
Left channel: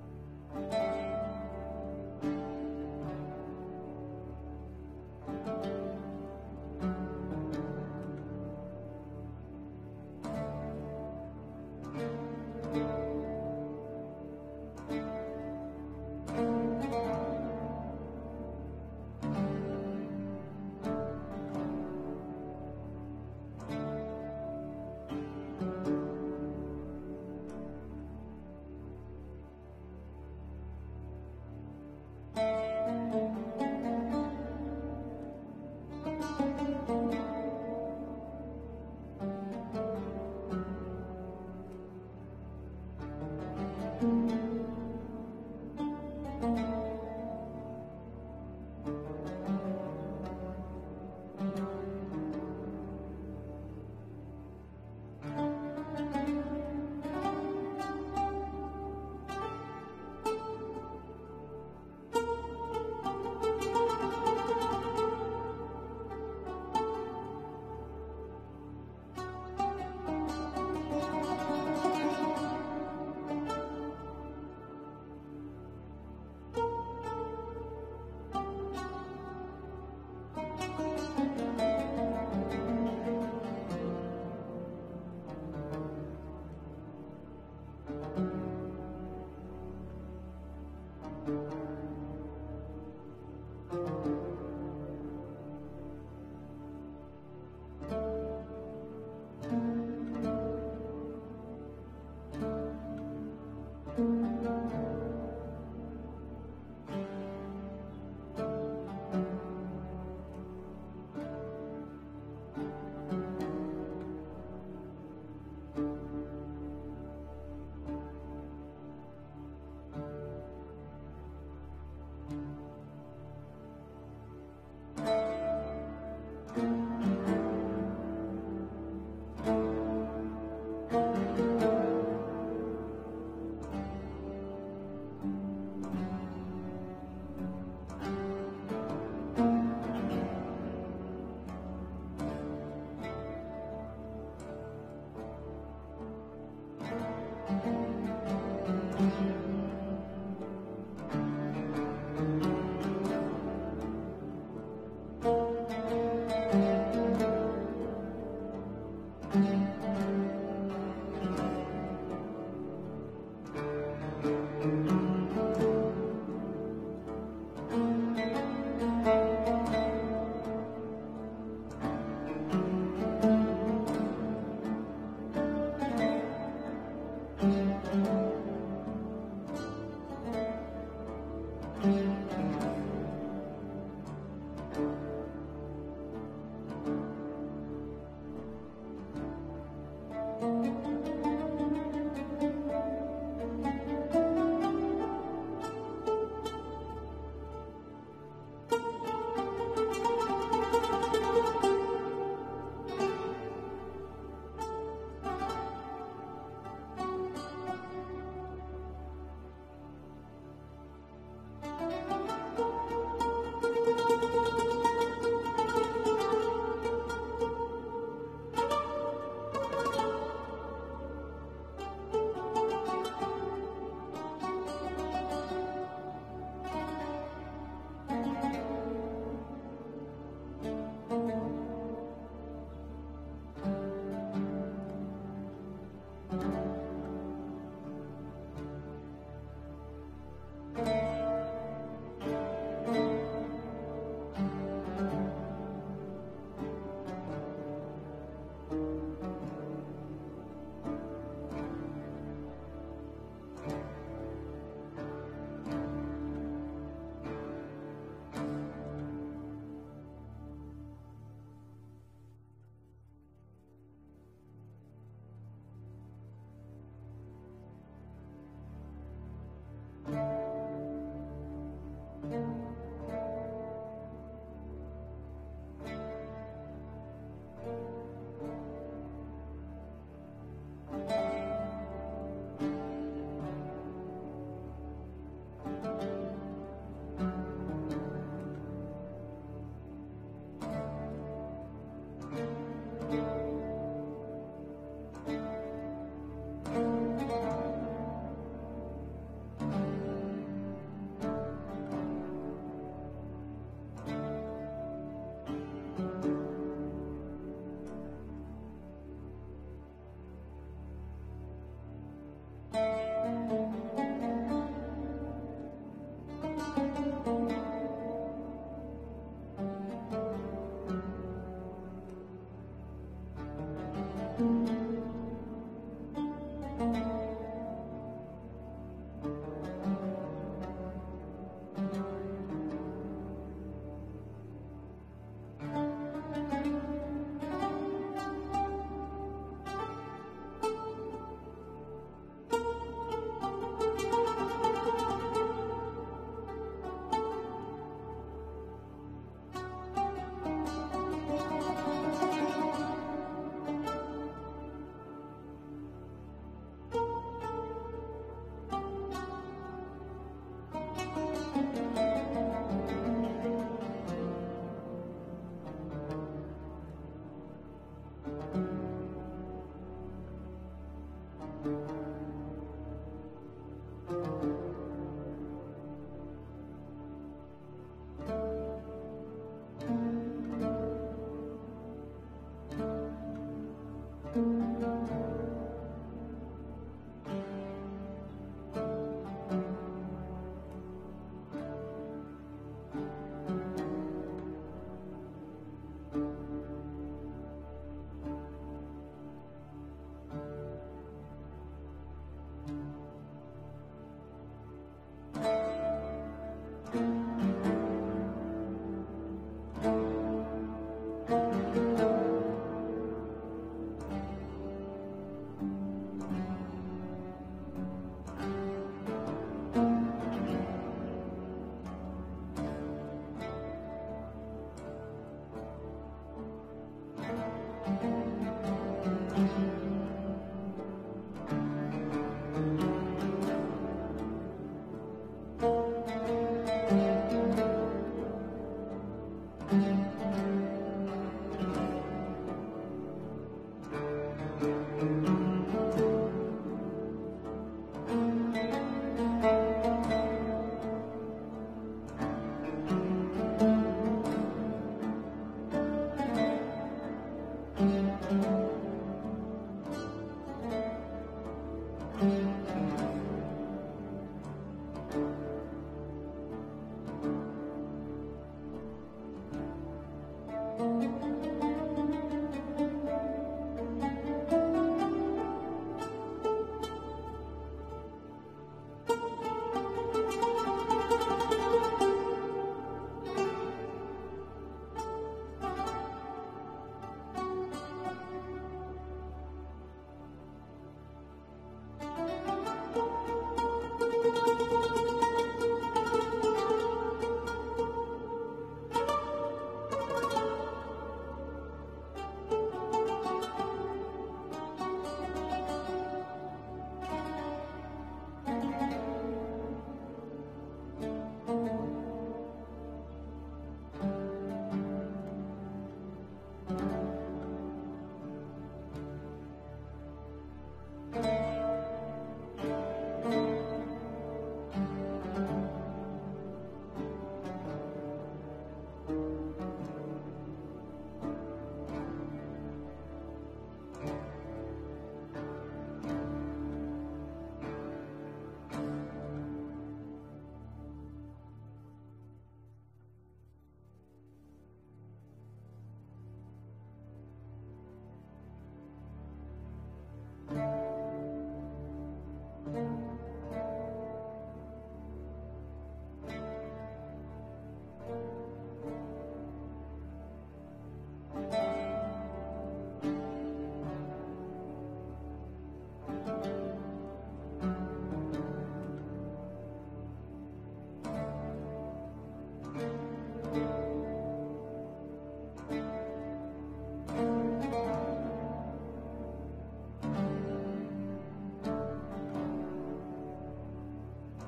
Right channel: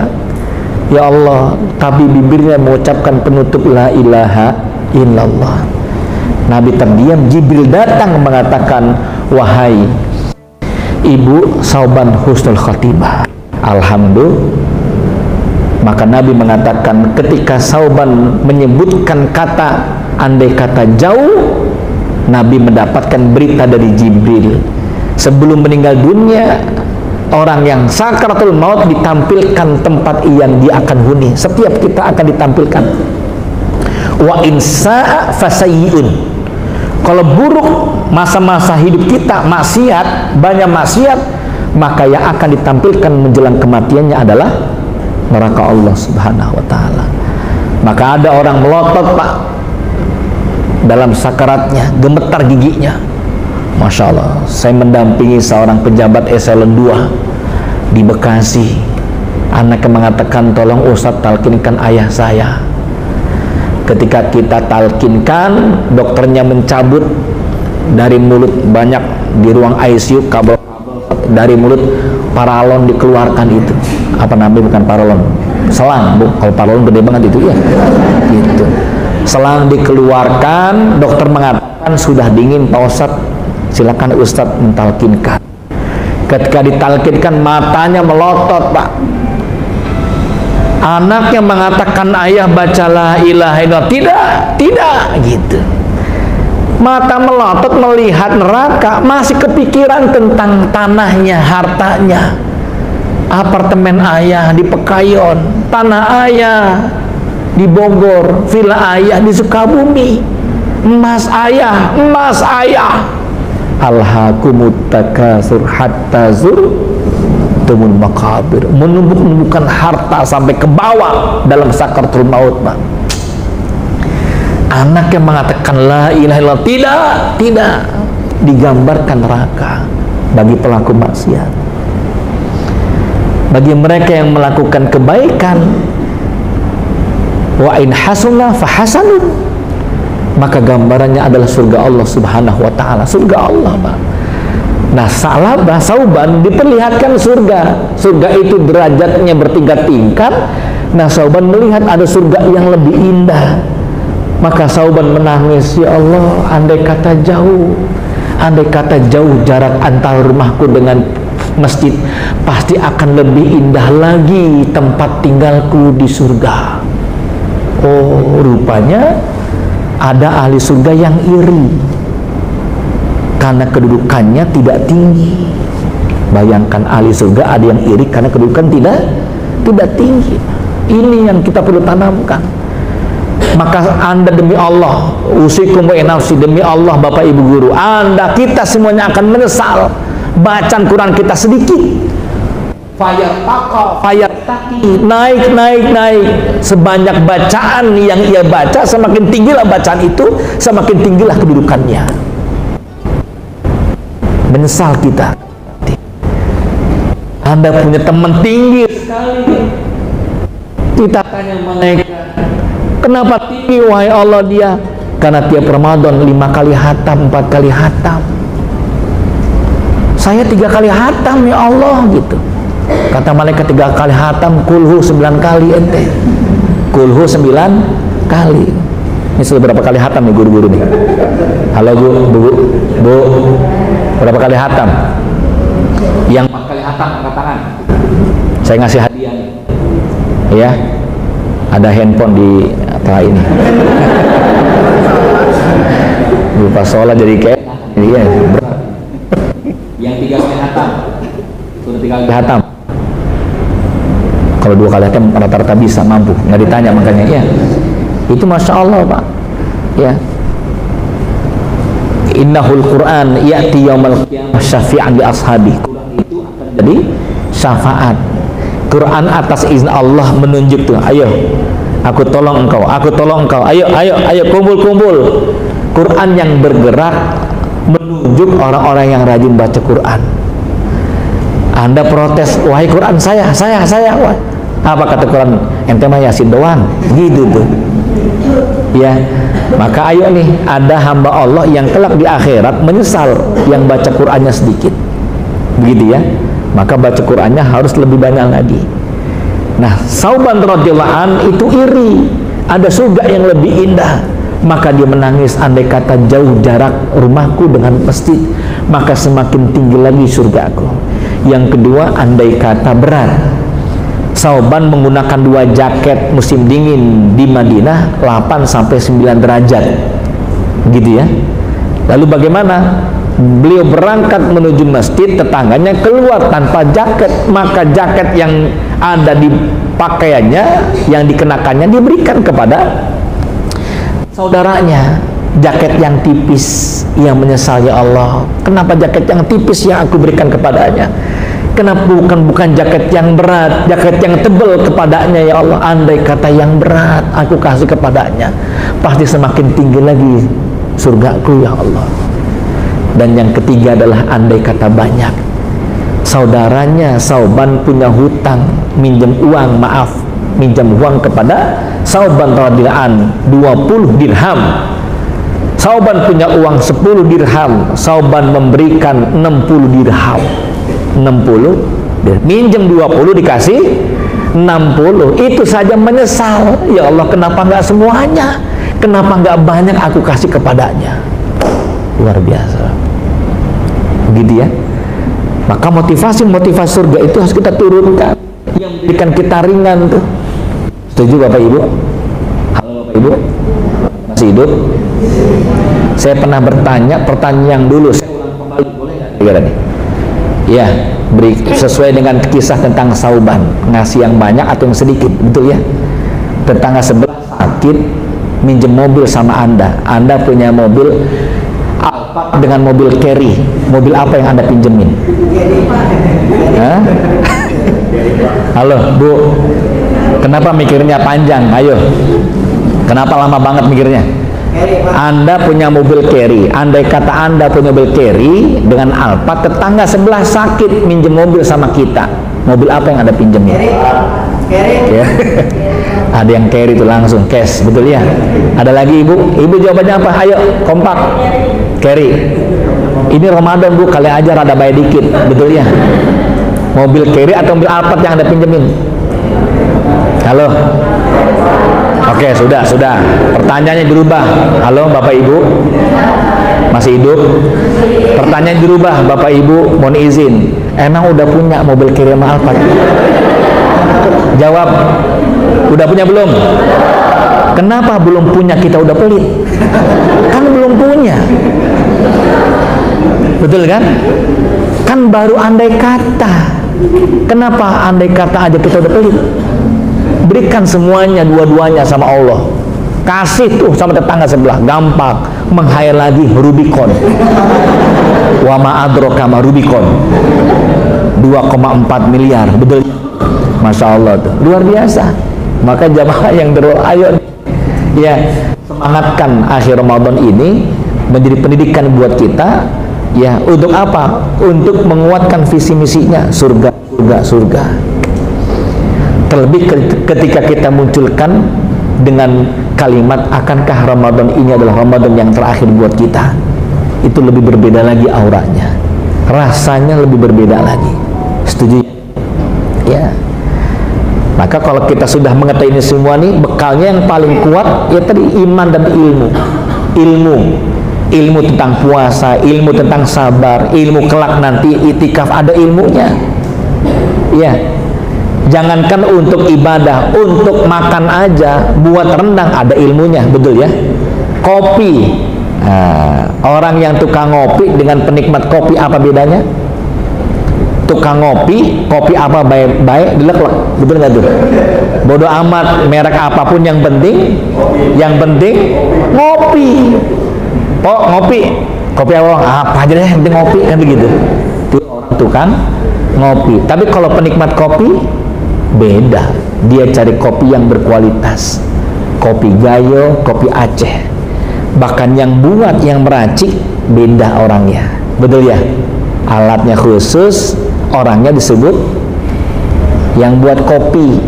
Ya Allah, tapi bibirnya mengucapkan penutup la ilaha illallah. Nabi terdiam, Jibril datang mengatakan, wahai ibu Sauban husnul khatimah. Alhamdulillah. Maka Nabi mengatakan, ketika Sauban menyebutkan kata andai kata jauh, Nabi mendapatkan berita dari Jibril. Sebelum meninggal dunia, orang yang sakaratul maut ditampilkan tempat yang dia akan huni. Setiap kita akan ditampilkan. Wa insa'a fasayyi'un. Kalau buruk masa-masa hidup kita, maksiat, banyak maksiat, maka yang akan ditampilkan menjelang kematiannya adalah neraka Allah Subhanahu wa taala. Maka ada orang melotot, Pak, dalam sakaratnya, gemetar giginya. Masya Allah, saya mendampingi seorang pejabat eselon 2 di Bekasi. Anaknya mengatakan, tolong Ustadz talkinkan ayah saya. Ketika kita talkinkan, dokternya mencabut dari mulut, banyak di ruang ICU, kabel dari mulut, paralon dikeluarkan itu. Apa namanya? Bukan paralon, selang, Bu. Kalau paralon gede banget itu ya. Gitu. Selang dikeluarkan, dokter mengatakan sudah dingin Pak Ustadz. Silakan Ustadz mentalkinkan. Ketika ditalkinkan, matanya melotot, Pak. Anaknya mengatakan, ayah bacalah ilaha illallah. Tidak, gitu. Mata melotot melihat neraka, masih kepikiran tentang tanahnya, hartanya. Apartemen ayah di Pekayon, tanah ayah di Bogor, villa ayah di Sukabumi, emas ayah. Alhaakumut takasur hatta zurtumul maqabir. Menumbuk-numbukan harta sampai ke bawah dalam sakaratul maut, Pak. Anak yang mengatakan la ilaha illallah, tidak digambarkan neraka bagi pelaku maksiat. Bagi mereka yang melakukan kebaikan, wa in hasuna fa hasanun, maka gambarannya adalah surga Allah Subhanahu wa taala, surga Allah, Pak. Nah, Sauban diperlihatkan surga. Surga itu derajatnya bertingkat-tingkat. Nah, Sauban melihat ada surga yang lebih indah. Maka Sauban menangis, ya Allah, andai kata jauh jarak antara rumahku dengan masjid, pasti akan lebih indah lagi tempat tinggalku di surga. Oh, rupanya ada ahli surga yang iri karena kedudukannya tidak tinggi. Bayangkan, ahli surga ada yang iri karena kedudukan tidak tinggi. Ini yang kita perlu tanamkan. Maka Anda, demi Allah, usikum wa nafsi, demi Allah, Bapak Ibu guru, Anda, kita semuanya akan menyesal bacaan Quran kita sedikit, fayartaqi, naik. Sebanyak bacaan yang ia baca, semakin tinggilah bacaan itu, semakin tinggilah kedudukannya. Menyesal kita. Anda punya teman tinggi sekali, kita tanya mereka, kenapa tinggi wahai Allah dia? Karena tiap Ramadan 5 kali hatam, 4 kali hatam. Saya 3 kali hatam ya Allah gitu. Kata malaikat 3 kali hatam, kulhu 9 kali ente. Kulhu 9 kali. Ini sudah berapa kali hatam nih guru-guru nih? Halo Bu, berapa kali hatam? Yang 4 kali hatam angkat tangan. Saya ngasih hadiah nih. Ya, ada handphone di atas ini. Lupa sholat jadi kayak iya berat. Yang 3 kali hatam sudah 3 kali hatam. Kalau 2 kali hatam rata-rata bisa mampu, nggak ditanya makanya ya. Itu masya Allah Pak. Ya. Innahul Quran ya'ti yaumal qiyamah syafi'an li ashabi. Quran itu akan jadi syafaat. Quran atas izin Allah menunjuk tuh, ayo aku tolong engkau, ayo kumpul. Quran yang bergerak menunjuk orang-orang yang rajin baca Quran. Anda protes, wahai Quran saya. Wah. Apa kata Quran? Ente mah Yasin doang. Gitu tuh. Ya, maka ayo nih, ada hamba Allah yang kelak di akhirat menyesal yang baca Qurannya sedikit. Begitu ya. Maka baca Qurannya harus lebih banyak lagi. Nah, Sauban radhiyallahu an itu iri, ada surga yang lebih indah. Maka dia menangis, andai kata jauh jarak rumahku dengan masjid, maka semakin tinggi lagi surgaku. Yang kedua, andai kata berat. Sauban menggunakan 2 jaket musim dingin di Madinah 8-9 derajat. Gitu ya. Lalu bagaimana? Beliau berangkat menuju masjid, tetangganya keluar tanpa jaket, maka jaket yang ada di pakaiannya, yang dikenakannya diberikan kepada saudaranya. Jaket yang tipis, yang menyesal, ya Allah, kenapa jaket yang tipis yang aku berikan kepadanya? Kenapa bukan jaket yang berat, jaket yang tebal kepadanya, ya Allah? Andai kata yang berat aku kasih kepadanya, pasti semakin tinggi lagi surgaku, ya Allah. Dan yang ketiga adalah andai kata banyak. Saudaranya Sauban punya hutang, minjem uang kepada Sauban radhiyallahu an 20 dirham. Sauban punya uang 10 dirham, Sauban memberikan 60 dirham. 60 minjem 20 dikasih 60. Itu saja menyesal, ya Allah, kenapa nggak semuanya, kenapa nggak banyak aku kasih kepadanya. Luar biasa. Begitu ya. Maka motivasi surga itu harus kita turunkan, yang menjadikan kita ringan tuh. Setuju Bapak Ibu? Halo Bapak Ibu, masih hidup? Saya pernah bertanya pertanyaan yang dulu, saya ulang kembali, boleh nggak? Ya, beri sesuai dengan kisah tentang Sauban, ngasih yang banyak atau yang sedikit, betul ya? Tetangga sebelah sakit, minjem mobil sama Anda punya mobil Alphard dengan mobil carry. Mobil apa yang Anda pinjemin? Hah? Halo Bu, kenapa mikirnya panjang? Ayo, kenapa lama banget mikirnya? Anda punya mobil carry, andai kata Anda punya mobil carry dengan Alphard, tetangga sebelah sakit minjem mobil sama kita, mobil apa yang Anda pinjemin? Ya. Ada yang carry itu langsung cash, betul ya? Ada lagi Ibu jawabannya apa? Ayo kompak, carry. Ini Ramadan Bu, kali aja rada bayar dikit, betul ya? Mobil carry atau mobil Alphard yang Anda pinjemin? Halo. Oke, sudah. Pertanyaannya dirubah. Halo Bapak Ibu, masih hidup? Pertanyaan dirubah, Bapak Ibu, mohon izin. Emang udah punya mobil carry sama Alphard? Jawab. Udah punya belum? Kenapa belum punya kita udah pelit? Kan belum punya. Betul kan? Kan baru andai kata. Kenapa andai kata aja kita udah pelit? Berikan semuanya, dua-duanya sama Allah. Kasih tuh sama tetangga sebelah, gampang. Menghayal lagi Rubicon. Wa ma adraka ma Rubicon. 2,4 miliar, betul? Masya Allah tuh, luar biasa. Maka jamaah yang ayo ya semangatkan akhir Ramadan ini menjadi pendidikan buat kita. Ya, untuk apa? Untuk menguatkan visi misinya surga, surga, surga. Terlebih ketika kita munculkan dengan kalimat akankah Ramadan ini adalah Ramadan yang terakhir buat kita, itu lebih berbeda lagi auranya, rasanya lebih berbeda lagi. Setuju? Ya. Maka kalau kita sudah mengetahui ini semua nih, bekalnya yang paling kuat ya tadi iman dan ilmu tentang puasa, ilmu tentang sabar, ilmu kelak nanti itikaf, ada ilmunya. Ya, jangankan untuk ibadah, untuk makan aja, buat rendang ada ilmunya, betul ya. Kopi, nah, orang yang tukang ngopi dengan penikmat kopi apa bedanya? Tukang ngopi, kopi apa baik-baik dilek-lek, betul nggak tuh? Bodoh amat merek apapun, yang penting ngopi. Oh ngopi, kopi apa aja deh, yang penting ngopi, kan begitu. Itu orang tukang ngopi. Tapi kalau penikmat kopi beda, dia cari kopi yang berkualitas, kopi Gayo, kopi Aceh. Bahkan yang buat, yang meracik beda orangnya, betul ya. Alatnya khusus, orangnya disebut yang buat kopi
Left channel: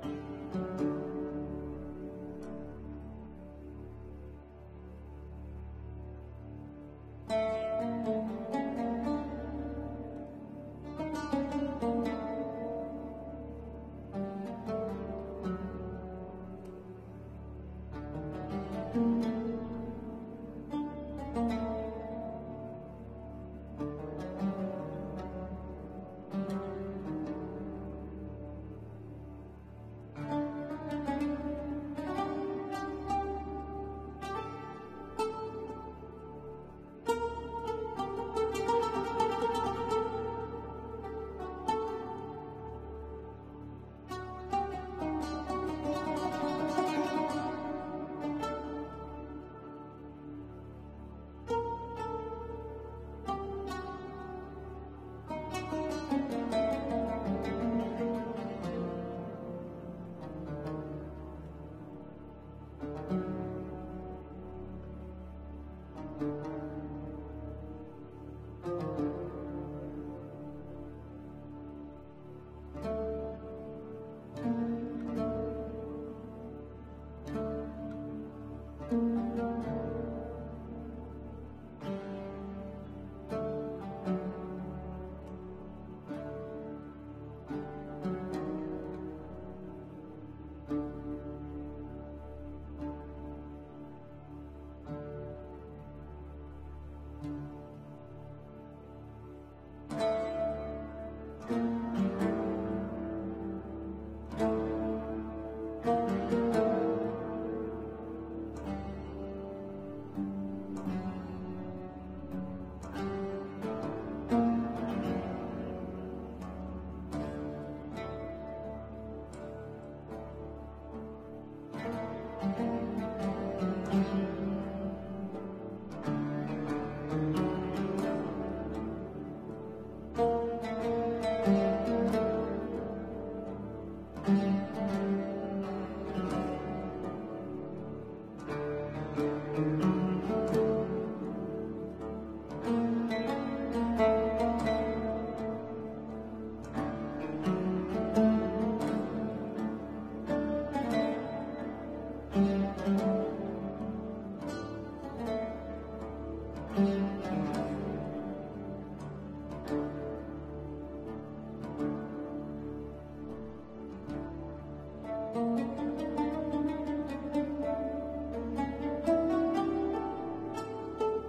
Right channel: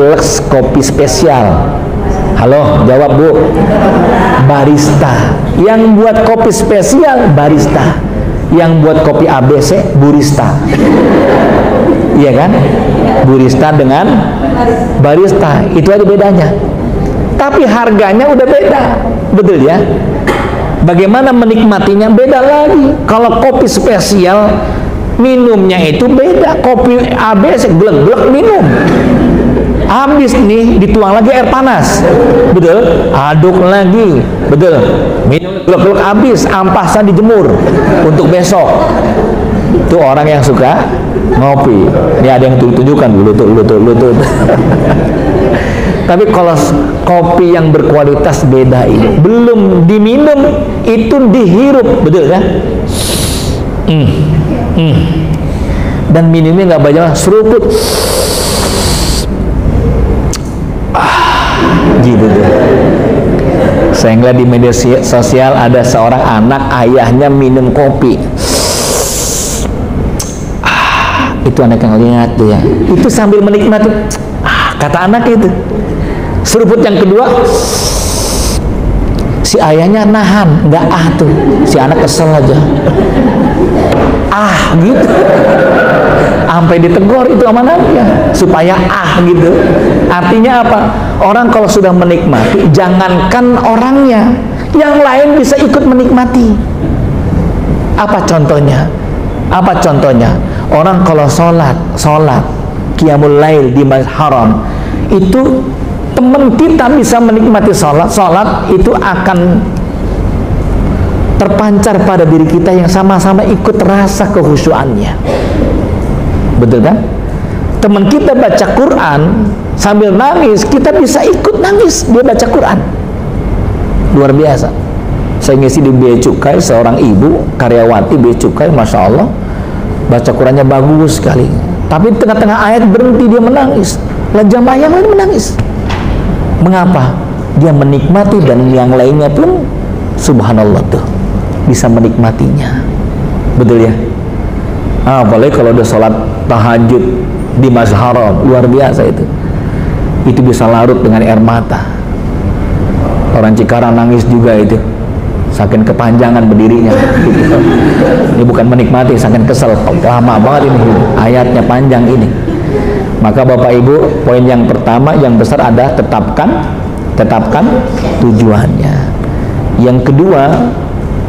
Lux, kopi spesial. Halo, jawab Bu. Barista. Yang buat kopi spesial barista. Yang buat kopi ABC burista. Iya kan? Burista dengan barista, itu aja bedanya. Tapi harganya udah beda, betul ya. Bagaimana menikmatinya beda lagi. Kalau kopi spesial minumnya itu beda. Kopi ABC glek-glek minum, habis nih dituang lagi air panas, betul, aduk lagi, betul, minum glek-glek habis, ampasan dijemur untuk besok. Itu orang yang suka ngopi. Ini ada yang tunjukkan dulu tuh. Tapi kalau kopi yang berkualitas beda ini, belum diminum, itu dihirup, betul kan? Dan minumnya nggak banyak, seruput, gitu tuh. Saya ngeliat di media sosial ada seorang anak, ayahnya minum kopi. Itu anak yang lihat tuh ya, itu sambil menikmati. Kata anak itu. Seruput yang kedua, si ayahnya nahan, nggak tuh, si anak kesel aja, gitu, sampai ditegur itu sama anaknya supaya gitu. Artinya apa? Orang kalau sudah menikmati, jangankan orangnya, yang lain bisa ikut menikmati. Apa contohnya? Orang kalau sholat qiyamul lail di masjid haram, itu teman kita bisa menikmati sholat itu akan terpancar pada diri kita yang sama-sama ikut rasa kehusyuannya, betul kan? Teman kita baca Quran sambil nangis, kita bisa ikut nangis dia baca Quran. Luar biasa. Saya ngisi di Bea Cukai, seorang ibu karyawati Bea Cukai, Masya Allah, baca Qurannya bagus sekali, tapi tengah-tengah ayat berhenti dia menangis. Lah jamaah yang lain menangis. Mengapa? Dia menikmati dan yang lainnya pun subhanallah tuh bisa menikmatinya, betul ya. Apalagi kalau udah sholat tahajud di Masjid Haram, luar biasa itu bisa larut dengan air mata. Orang Cikarang nangis juga itu, saking kepanjangan berdirinya gitu. Ini bukan menikmati, saking kesel, lama banget ini ayatnya, panjang ini. Maka Bapak Ibu, poin yang pertama yang besar ada tetapkan tujuannya. Yang kedua,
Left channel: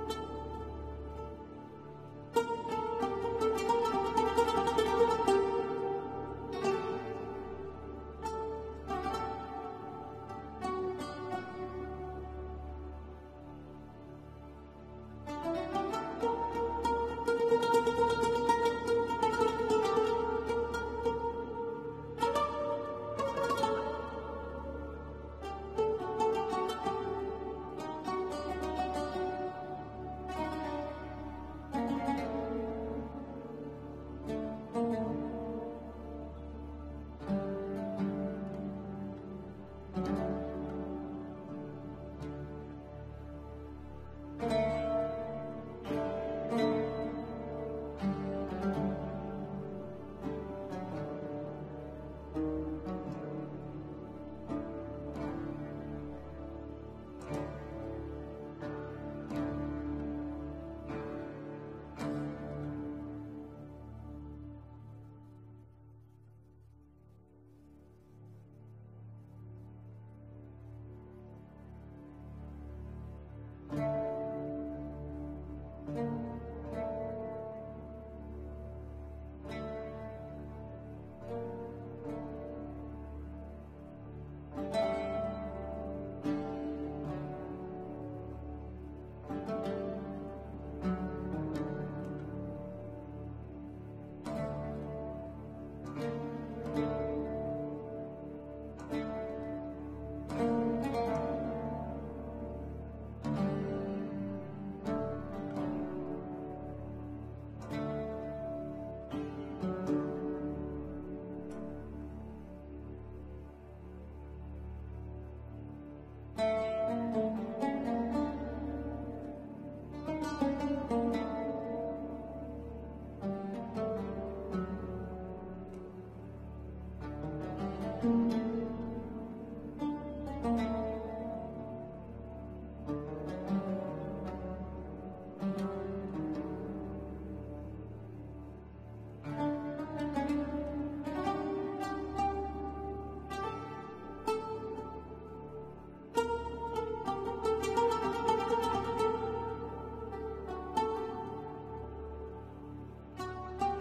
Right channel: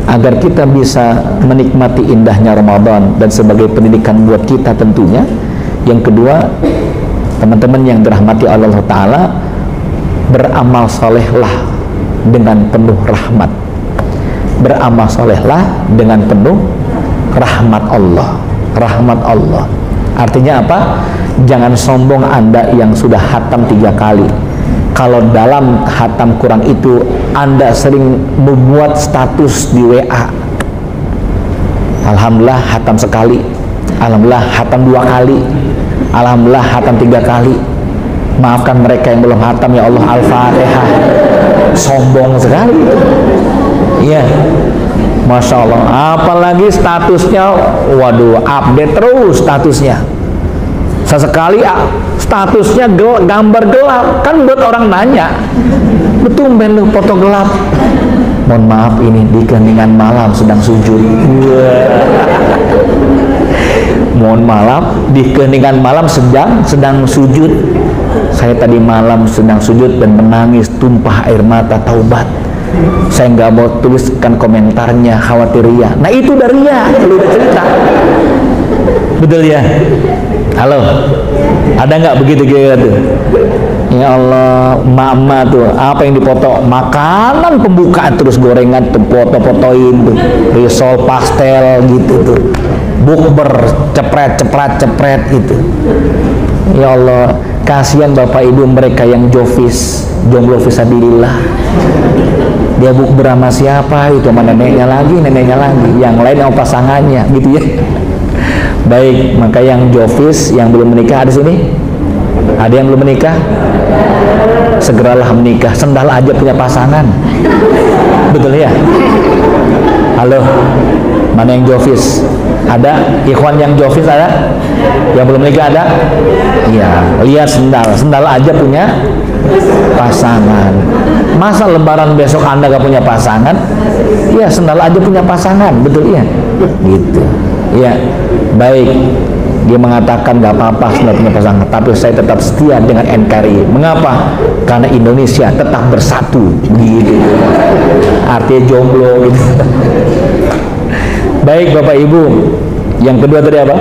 agar kita bisa menikmati indahnya Ramadan dan sebagai pendidikan buat kita tentunya. Yang kedua, teman-teman yang dirahmati Allah Ta'ala, beramal solehlah dengan penuh rahmat. Beramal solehlah dengan penuh rahmat Allah. Rahmat Allah artinya apa? Jangan sombong Anda yang sudah hatam 3 kali. Kalau dalam hatam Quran itu Anda sering membuat status di WA, alhamdulillah hatam sekali, Alhamdulillah hatam 2 kali, alhamdulillah hatam 3 kali. Maafkan mereka yang belum hatam ya Allah. Al-Fatihah. Sombong sekali. Iya, Masya Allah. Apalagi statusnya, waduh, update terus statusnya. Sesekali statusnya gambar gelap, kan buat orang nanya, betul lu foto gelap. Mohon maaf, ini di keheningan malam sedang sujud. Mohon maaf, di keheningan malam sedang sujud. Saya tadi malam sedang sujud dan menangis tumpah air mata taubat. Saya nggak mau tuliskan komentarnya, khawatir ria. Nah itu udah ria, lu udah cerita. Betul ya? Halo, ada nggak begitu gitu? Ya Allah, mama tuh apa yang dipoto? Makanan pembukaan terus gorengan tuh, foto-fotoin tuh, risol pastel gitu tuh, bukber cepret gitu. Ya Allah, kasihan bapak ibu mereka yang jofis, jomblo fisabilillah. Dia bukber sama siapa? Itu sama neneknya lagi, yang lain sama pasangannya, gitu ya. Baik, maka yang jofis, yang belum menikah ada sini? Ada yang belum menikah? Segeralah menikah. Sendal aja punya pasangan. Betul ya? Halo, mana yang jofis? Ada? Ikhwan yang jofis ada? Yang belum menikah ada? Iya, lihat sendal aja punya pasangan. Masa lebaran besok Anda gak punya pasangan? Ya, sendal aja punya pasangan, betul ya? Gitu. Ya, baik. Dia mengatakan gak apa-apa sendal punya pasangan, tapi saya tetap setia dengan NKRI. Mengapa? Karena Indonesia tetap bersatu. Gitu. Artinya jomblo gitu. Baik Bapak Ibu, yang kedua tadi apa?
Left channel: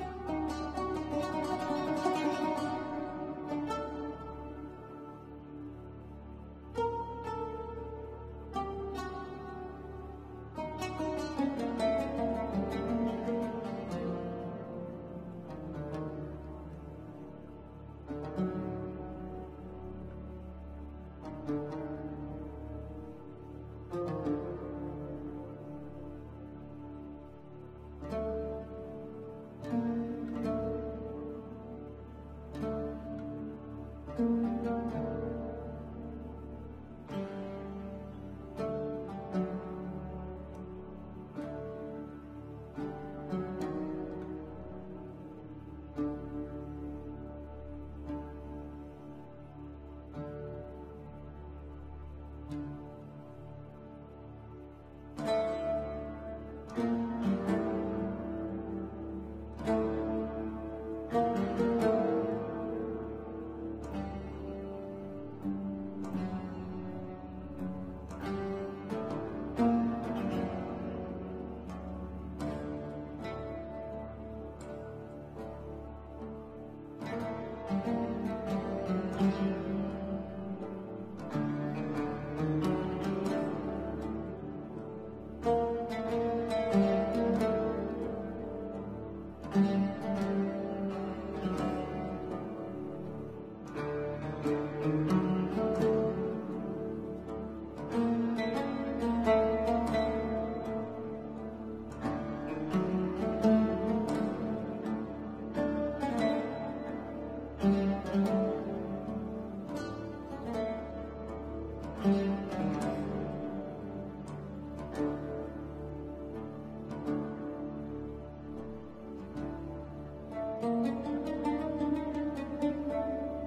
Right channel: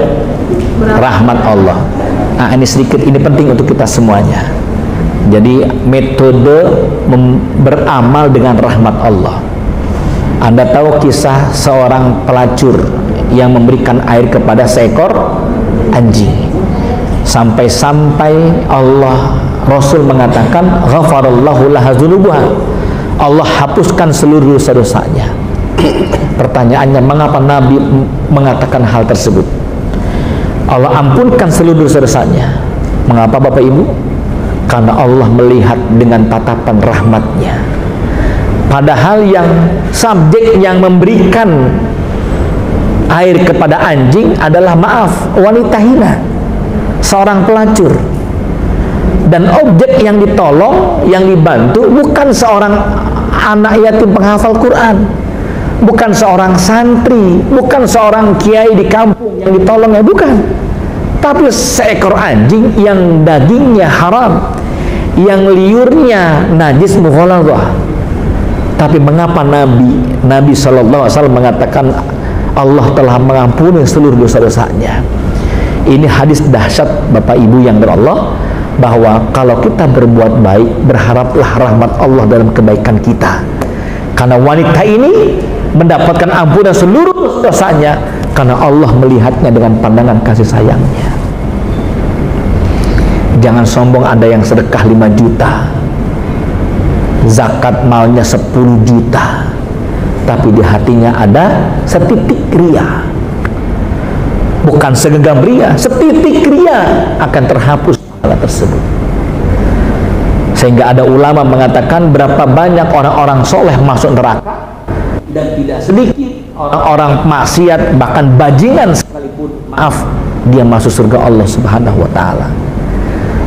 Rahmat Allah. Nah, ini sedikit, ini penting untuk kita semuanya. Jadi metode beramal dengan rahmat Allah. Anda tahu kisah seorang pelacur yang memberikan air kepada seekor anjing. Sampai-sampai Allah, Rasul mengatakan, ghafarallahu laha dzunubaha. Allah hapuskan seluruh dosa-dosanya. Pertanyaannya, mengapa Nabi mengatakan hal tersebut? Allah ampunkan seluruh dosa-dosanya. Mengapa Bapak Ibu? Karena Allah melihat dengan tatapan rahmatnya. Padahal yang subjek yang memberikan air kepada anjing adalah, maaf, wanita hina, seorang pelacur. Dan objek yang ditolong, yang dibantu bukan seorang anak yatim penghafal Quran, bukan seorang santri, bukan seorang kiai di kampung yang ditolongnya, bukan. Tapi seekor anjing yang dagingnya haram, yang liurnya najis mughaladhah. Tapi mengapa Nabi SAW mengatakan Allah telah mengampuni seluruh dosa-dosanya? Ini hadis dahsyat Bapak Ibu yang berallah, bahwa kalau kita berbuat baik, berharaplah rahmat Allah dalam kebaikan kita. Karena wanita ini mendapatkan ampunan seluruh dosanya karena Allah melihatnya dengan pandangan kasih sayangnya. Jangan sombong Anda yang sedekah 5 juta, zakat malnya 10 juta, tapi di hatinya ada setitik ria. Bukan segenggam ria, setitik ria akan terhapus hal tersebut. Sehingga ada ulama mengatakan berapa banyak orang-orang soleh masuk neraka, dan tidak sedikit orang-orang maksiat, bahkan bajingan sekalipun, maaf, dia masuk surga Allah Subhanahu wa ta'ala.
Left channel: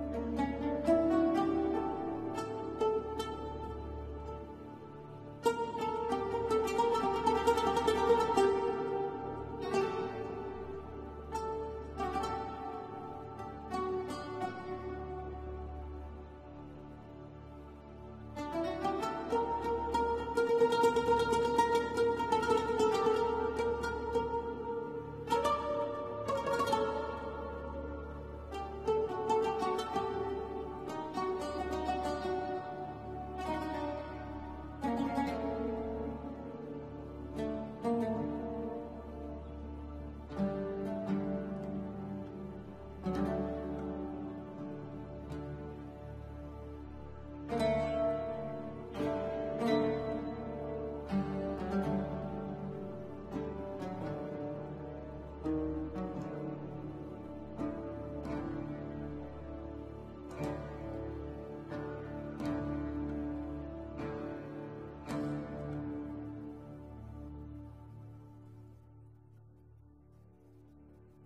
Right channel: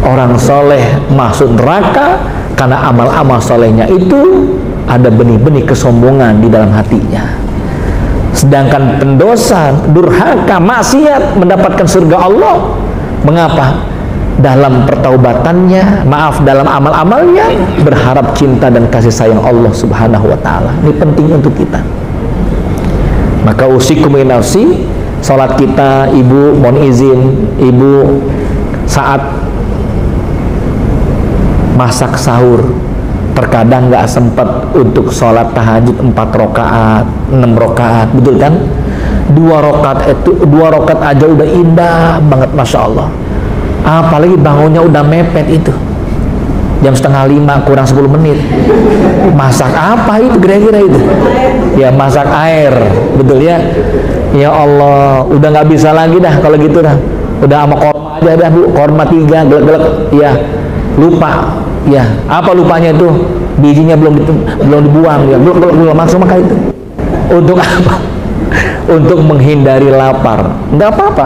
Orang soleh masuk neraka karena amal-amal solehnya itu ada benih-benih kesombongan di dalam hatinya. Sedangkan pendosa, durhaka, maksiat mendapatkan surga Allah. Mengapa? Dalam pertaubatannya, maaf, dalam amal-amalnya berharap cinta dan kasih sayang Allah Subhanahu wa ta'ala. Ini penting untuk kita. Maka usikum nafsi, salat kita, ibu, mohon izin, ibu saat masak sahur terkadang nggak sempat untuk sholat tahajud 4 rakaat, 6 rakaat, betul kan? 2 rakaat aja udah indah banget, Masya Allah. Apalagi bangunnya udah mepet itu, jam 4:30 kurang 10 menit. Masak apa itu kira-kira itu? Ya masak air, betul ya. Ya Allah, udah nggak bisa lagi dah kalau gitu dah. Udah sama korma aja dah Bu, korma 3 gelek-gelek. Ya, lupa. Ya, apa lupanya itu? Bijinya belum dibuang ya. Belum langsung makan itu. Untuk apa? Untuk menghindari lapar. Enggak apa-apa.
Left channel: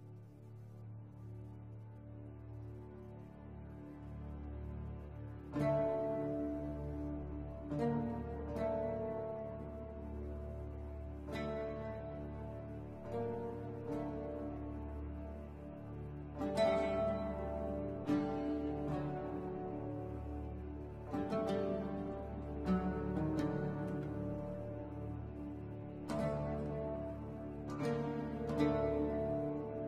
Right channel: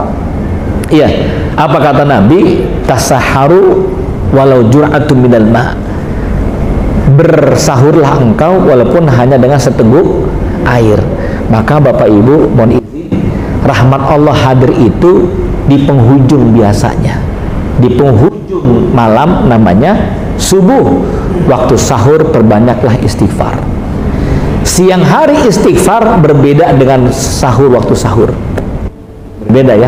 Iya, apa kata Nabi? Tasaharu walau jur'atun minal ma'. Bersahurlah engkau walaupun hanya dengan seteguk air. Maka Bapak Ibu, mohon izin, rahmat Allah hadir itu di penghujung biasanya. Di penghujung malam namanya subuh. Waktu sahur perbanyaklah istighfar. Siang hari istighfar berbeda dengan sahur waktu sahur. Berbeda ya.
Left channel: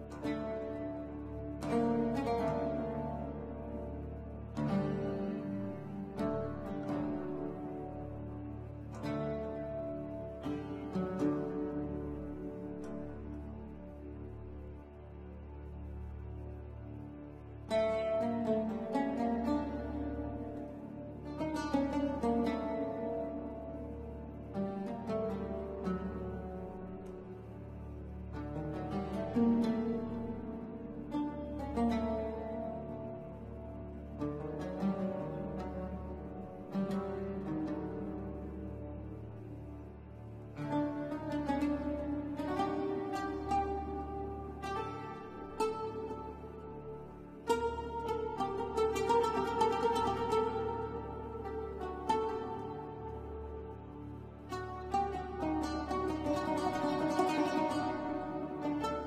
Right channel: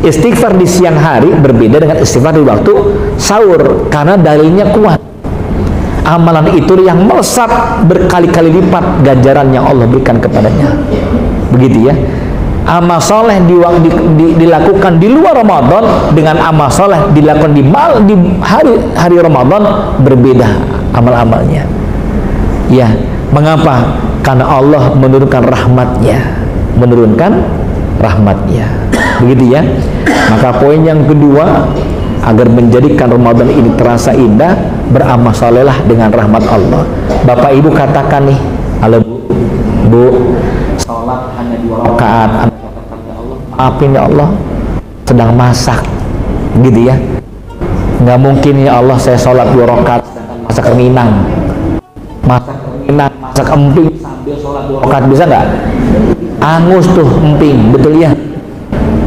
Istighfar di siang hari berbeda dengan istighfar di waktu sahur karena dalilnya kuat. Amalan itu yang melesat berkali-kali lipat ganjaran yang Allah berikan kepadanya. Begitu ya. Amal soleh dilakukan di luar Ramadan dengan amal soleh dilakukan di hari Ramadan berbeda amal-amalnya. Ya, mengapa? Karena Allah menurunkan rahmatnya, begitu ya. Maka poin yang kedua, agar menjadikan Ramadan ini terasa indah, beramal solehlah dengan rahmat Allah. Bapak Ibu katakan nih, halo Bu, sholat hanya 2 rakaat. Maafin ya Allah, sedang masak, gitu ya. Nggak mungkin ya Allah saya sholat 2 rakaat masak minang, masak emping sambil sholat 2 rakaat, bisa nggak? Angus tuh emping, betul ya.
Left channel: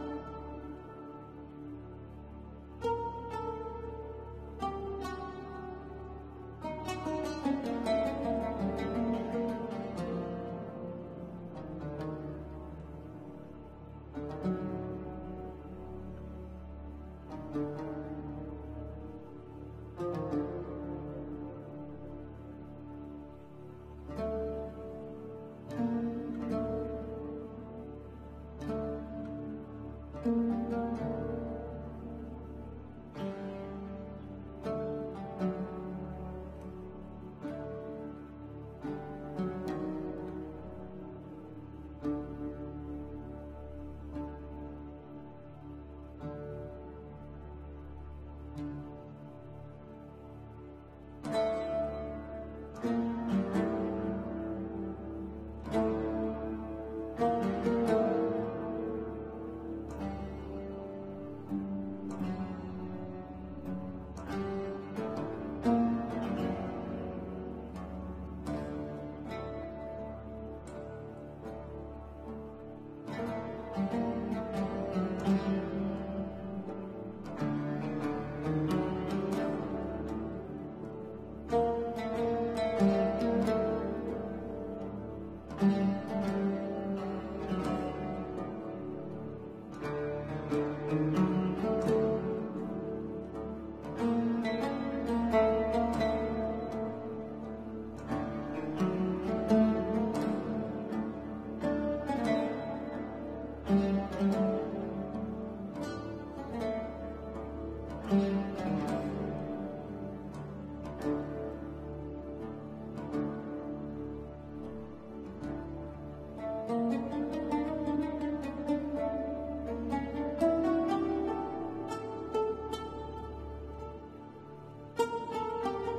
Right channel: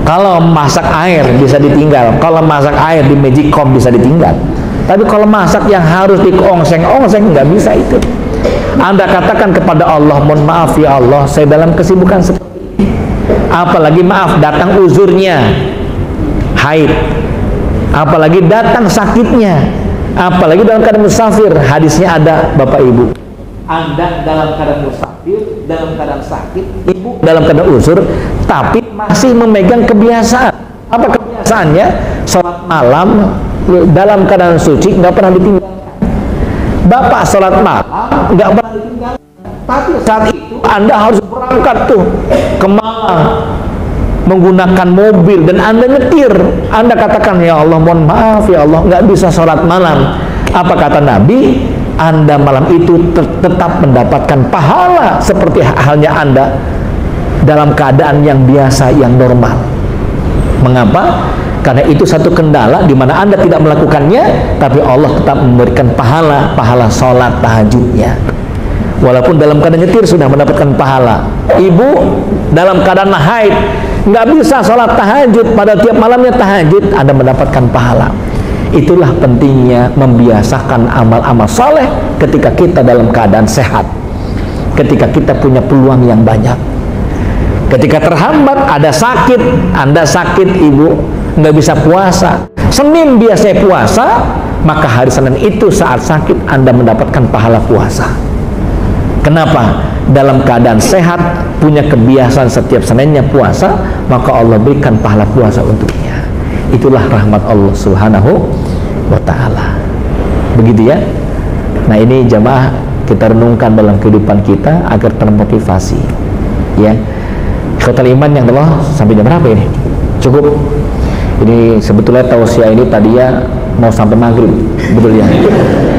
Kalau masak air bisa ditinggal, kalau masak air di Magicom bisa ditinggal. Tapi kalau masak yang harus diongseng-ongseng nggak bisa itu. Anda katakan kepada Allah, mohon maaf ya Allah, saya dalam kesibukan seperti ini. Apalagi maaf datang uzurnya, haid. Apalagi datang sakitnya. Apalagi dalam keadaan musafir. Hadisnya ada Bapak Ibu. Anda dalam keadaan musafir, dalam keadaan sakit, ibu dalam keadaan uzur, tapi masih memegang kebiasaan. Apa kebiasaannya? Sholat malam dalam keadaan suci nggak pernah ditinggalkan. Bapak sholat malam nggak pernah ditinggalkan. Tapi saat itu Anda harus berangkat tuh ke Malang menggunakan mobil dan Anda nyetir. Anda katakan ya Allah mohon maaf ya Allah nggak bisa sholat malam. Apa kata Nabi? Anda malam itu tetap mendapatkan pahala seperti halnya Anda dalam keadaan yang biasa, yang normal. Mengapa? Karena itu satu kendala di mana Anda tidak melakukannya, tapi Allah tetap memberikan pahala sholat tahajudnya. Walaupun dalam keadaan nyetir sudah mendapatkan pahala. Ibu dalam keadaan haid nggak bisa sholat tahajud, pada tiap malamnya tahajud, Anda mendapatkan pahala. Itulah pentingnya membiasakan amal-amal soleh ketika kita dalam keadaan sehat, ketika kita punya peluang yang banyak. Ketika terhambat, ada sakit, Anda sakit, Ibu nggak bisa puasa, Senin biasanya puasa, maka hari Senin itu saat sakit Anda mendapatkan pahala puasa. Kenapa? Dalam keadaan sehat, punya kebiasaan setiap Seninnya puasa, maka Allah berikan pahala puasa untuknya. Itulah rahmat Allah Subhanahu wa ta'ala. Begitu ya. Nah, ini jamaah kita renungkan dalam kehidupan kita agar termotivasi. Ya. Total iman yang Allah sampai jam berapa ini? Cukup. Ini sebetulnya tausiah ini tadinya mau sampai maghrib, betul ya?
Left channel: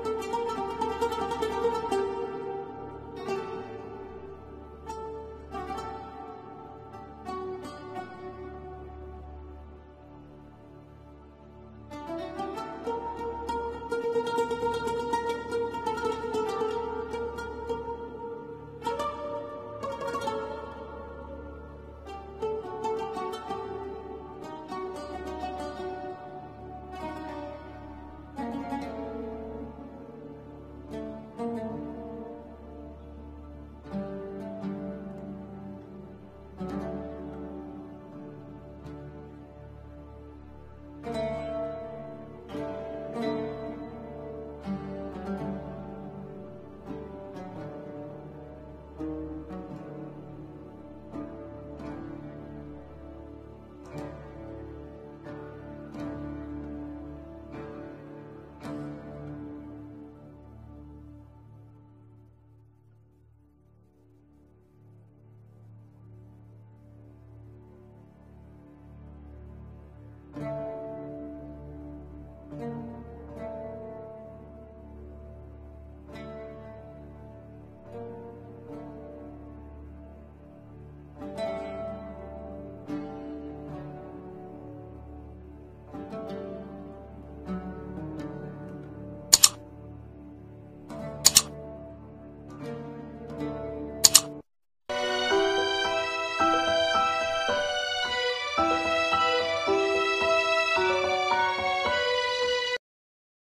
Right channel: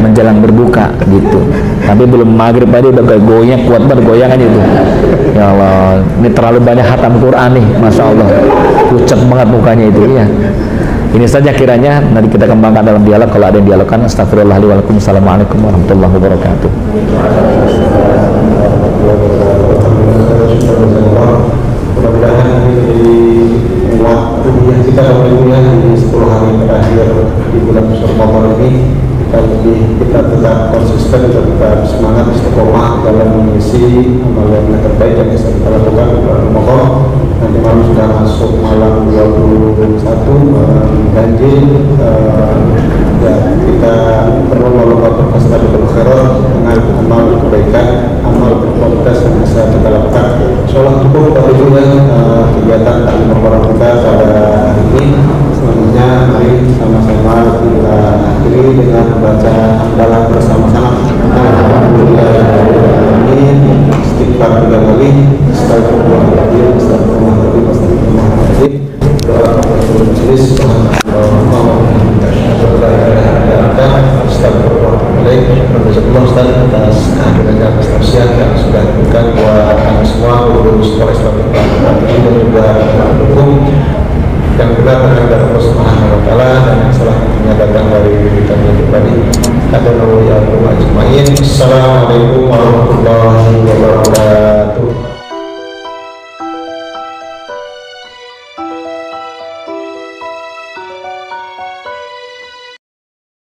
Menjelang berbuka gitu. Tapi belum maghrib tadi udah goyang, kuat banget goyangan itu. Ya Allah, ini terlalu banyak khatam Quran nih, masya Allah. Pucat banget mukanya itu ya. Ini saja kiranya, nanti kita kembangkan dalam dialog. Kalau ada yang dialogkan, astagfirullahaladzim. Assalamualaikum warahmatullahi wabarakatuh. Mudah-mudahan ini jadi waktu yang kita dapat di 10 hari terakhir di bulan Ramadan ini, kita tetap konsisten, tetap semangat, istiqomah dalam mengisi amal yang terbaik yang bisa kita lakukan di bulan Ramadan. Nanti malam sudah masuk malam 21 ganjil, ya kita perlu melakukan fastabiqul khairat dengan amal kebaikan, amal berkualitas yang bisa kita lakukan. Insyaallah cukup tadi kegiatan taklim Ramadan kita pada hari ini. Selanjutnya mari sama-sama kita akhiri dengan membaca hamdalah bersama-sama. Alhamdulillah, istighfar 3 kali. lagi. Astagfirullahaladzim, astagfirullahaladzim, astagfirullahaladzim. Doa majelis, Astagfirullah Ustaz atas kehadirannya atas tausiah yang sudah diberikan buat kami semua, guru sekolah Islam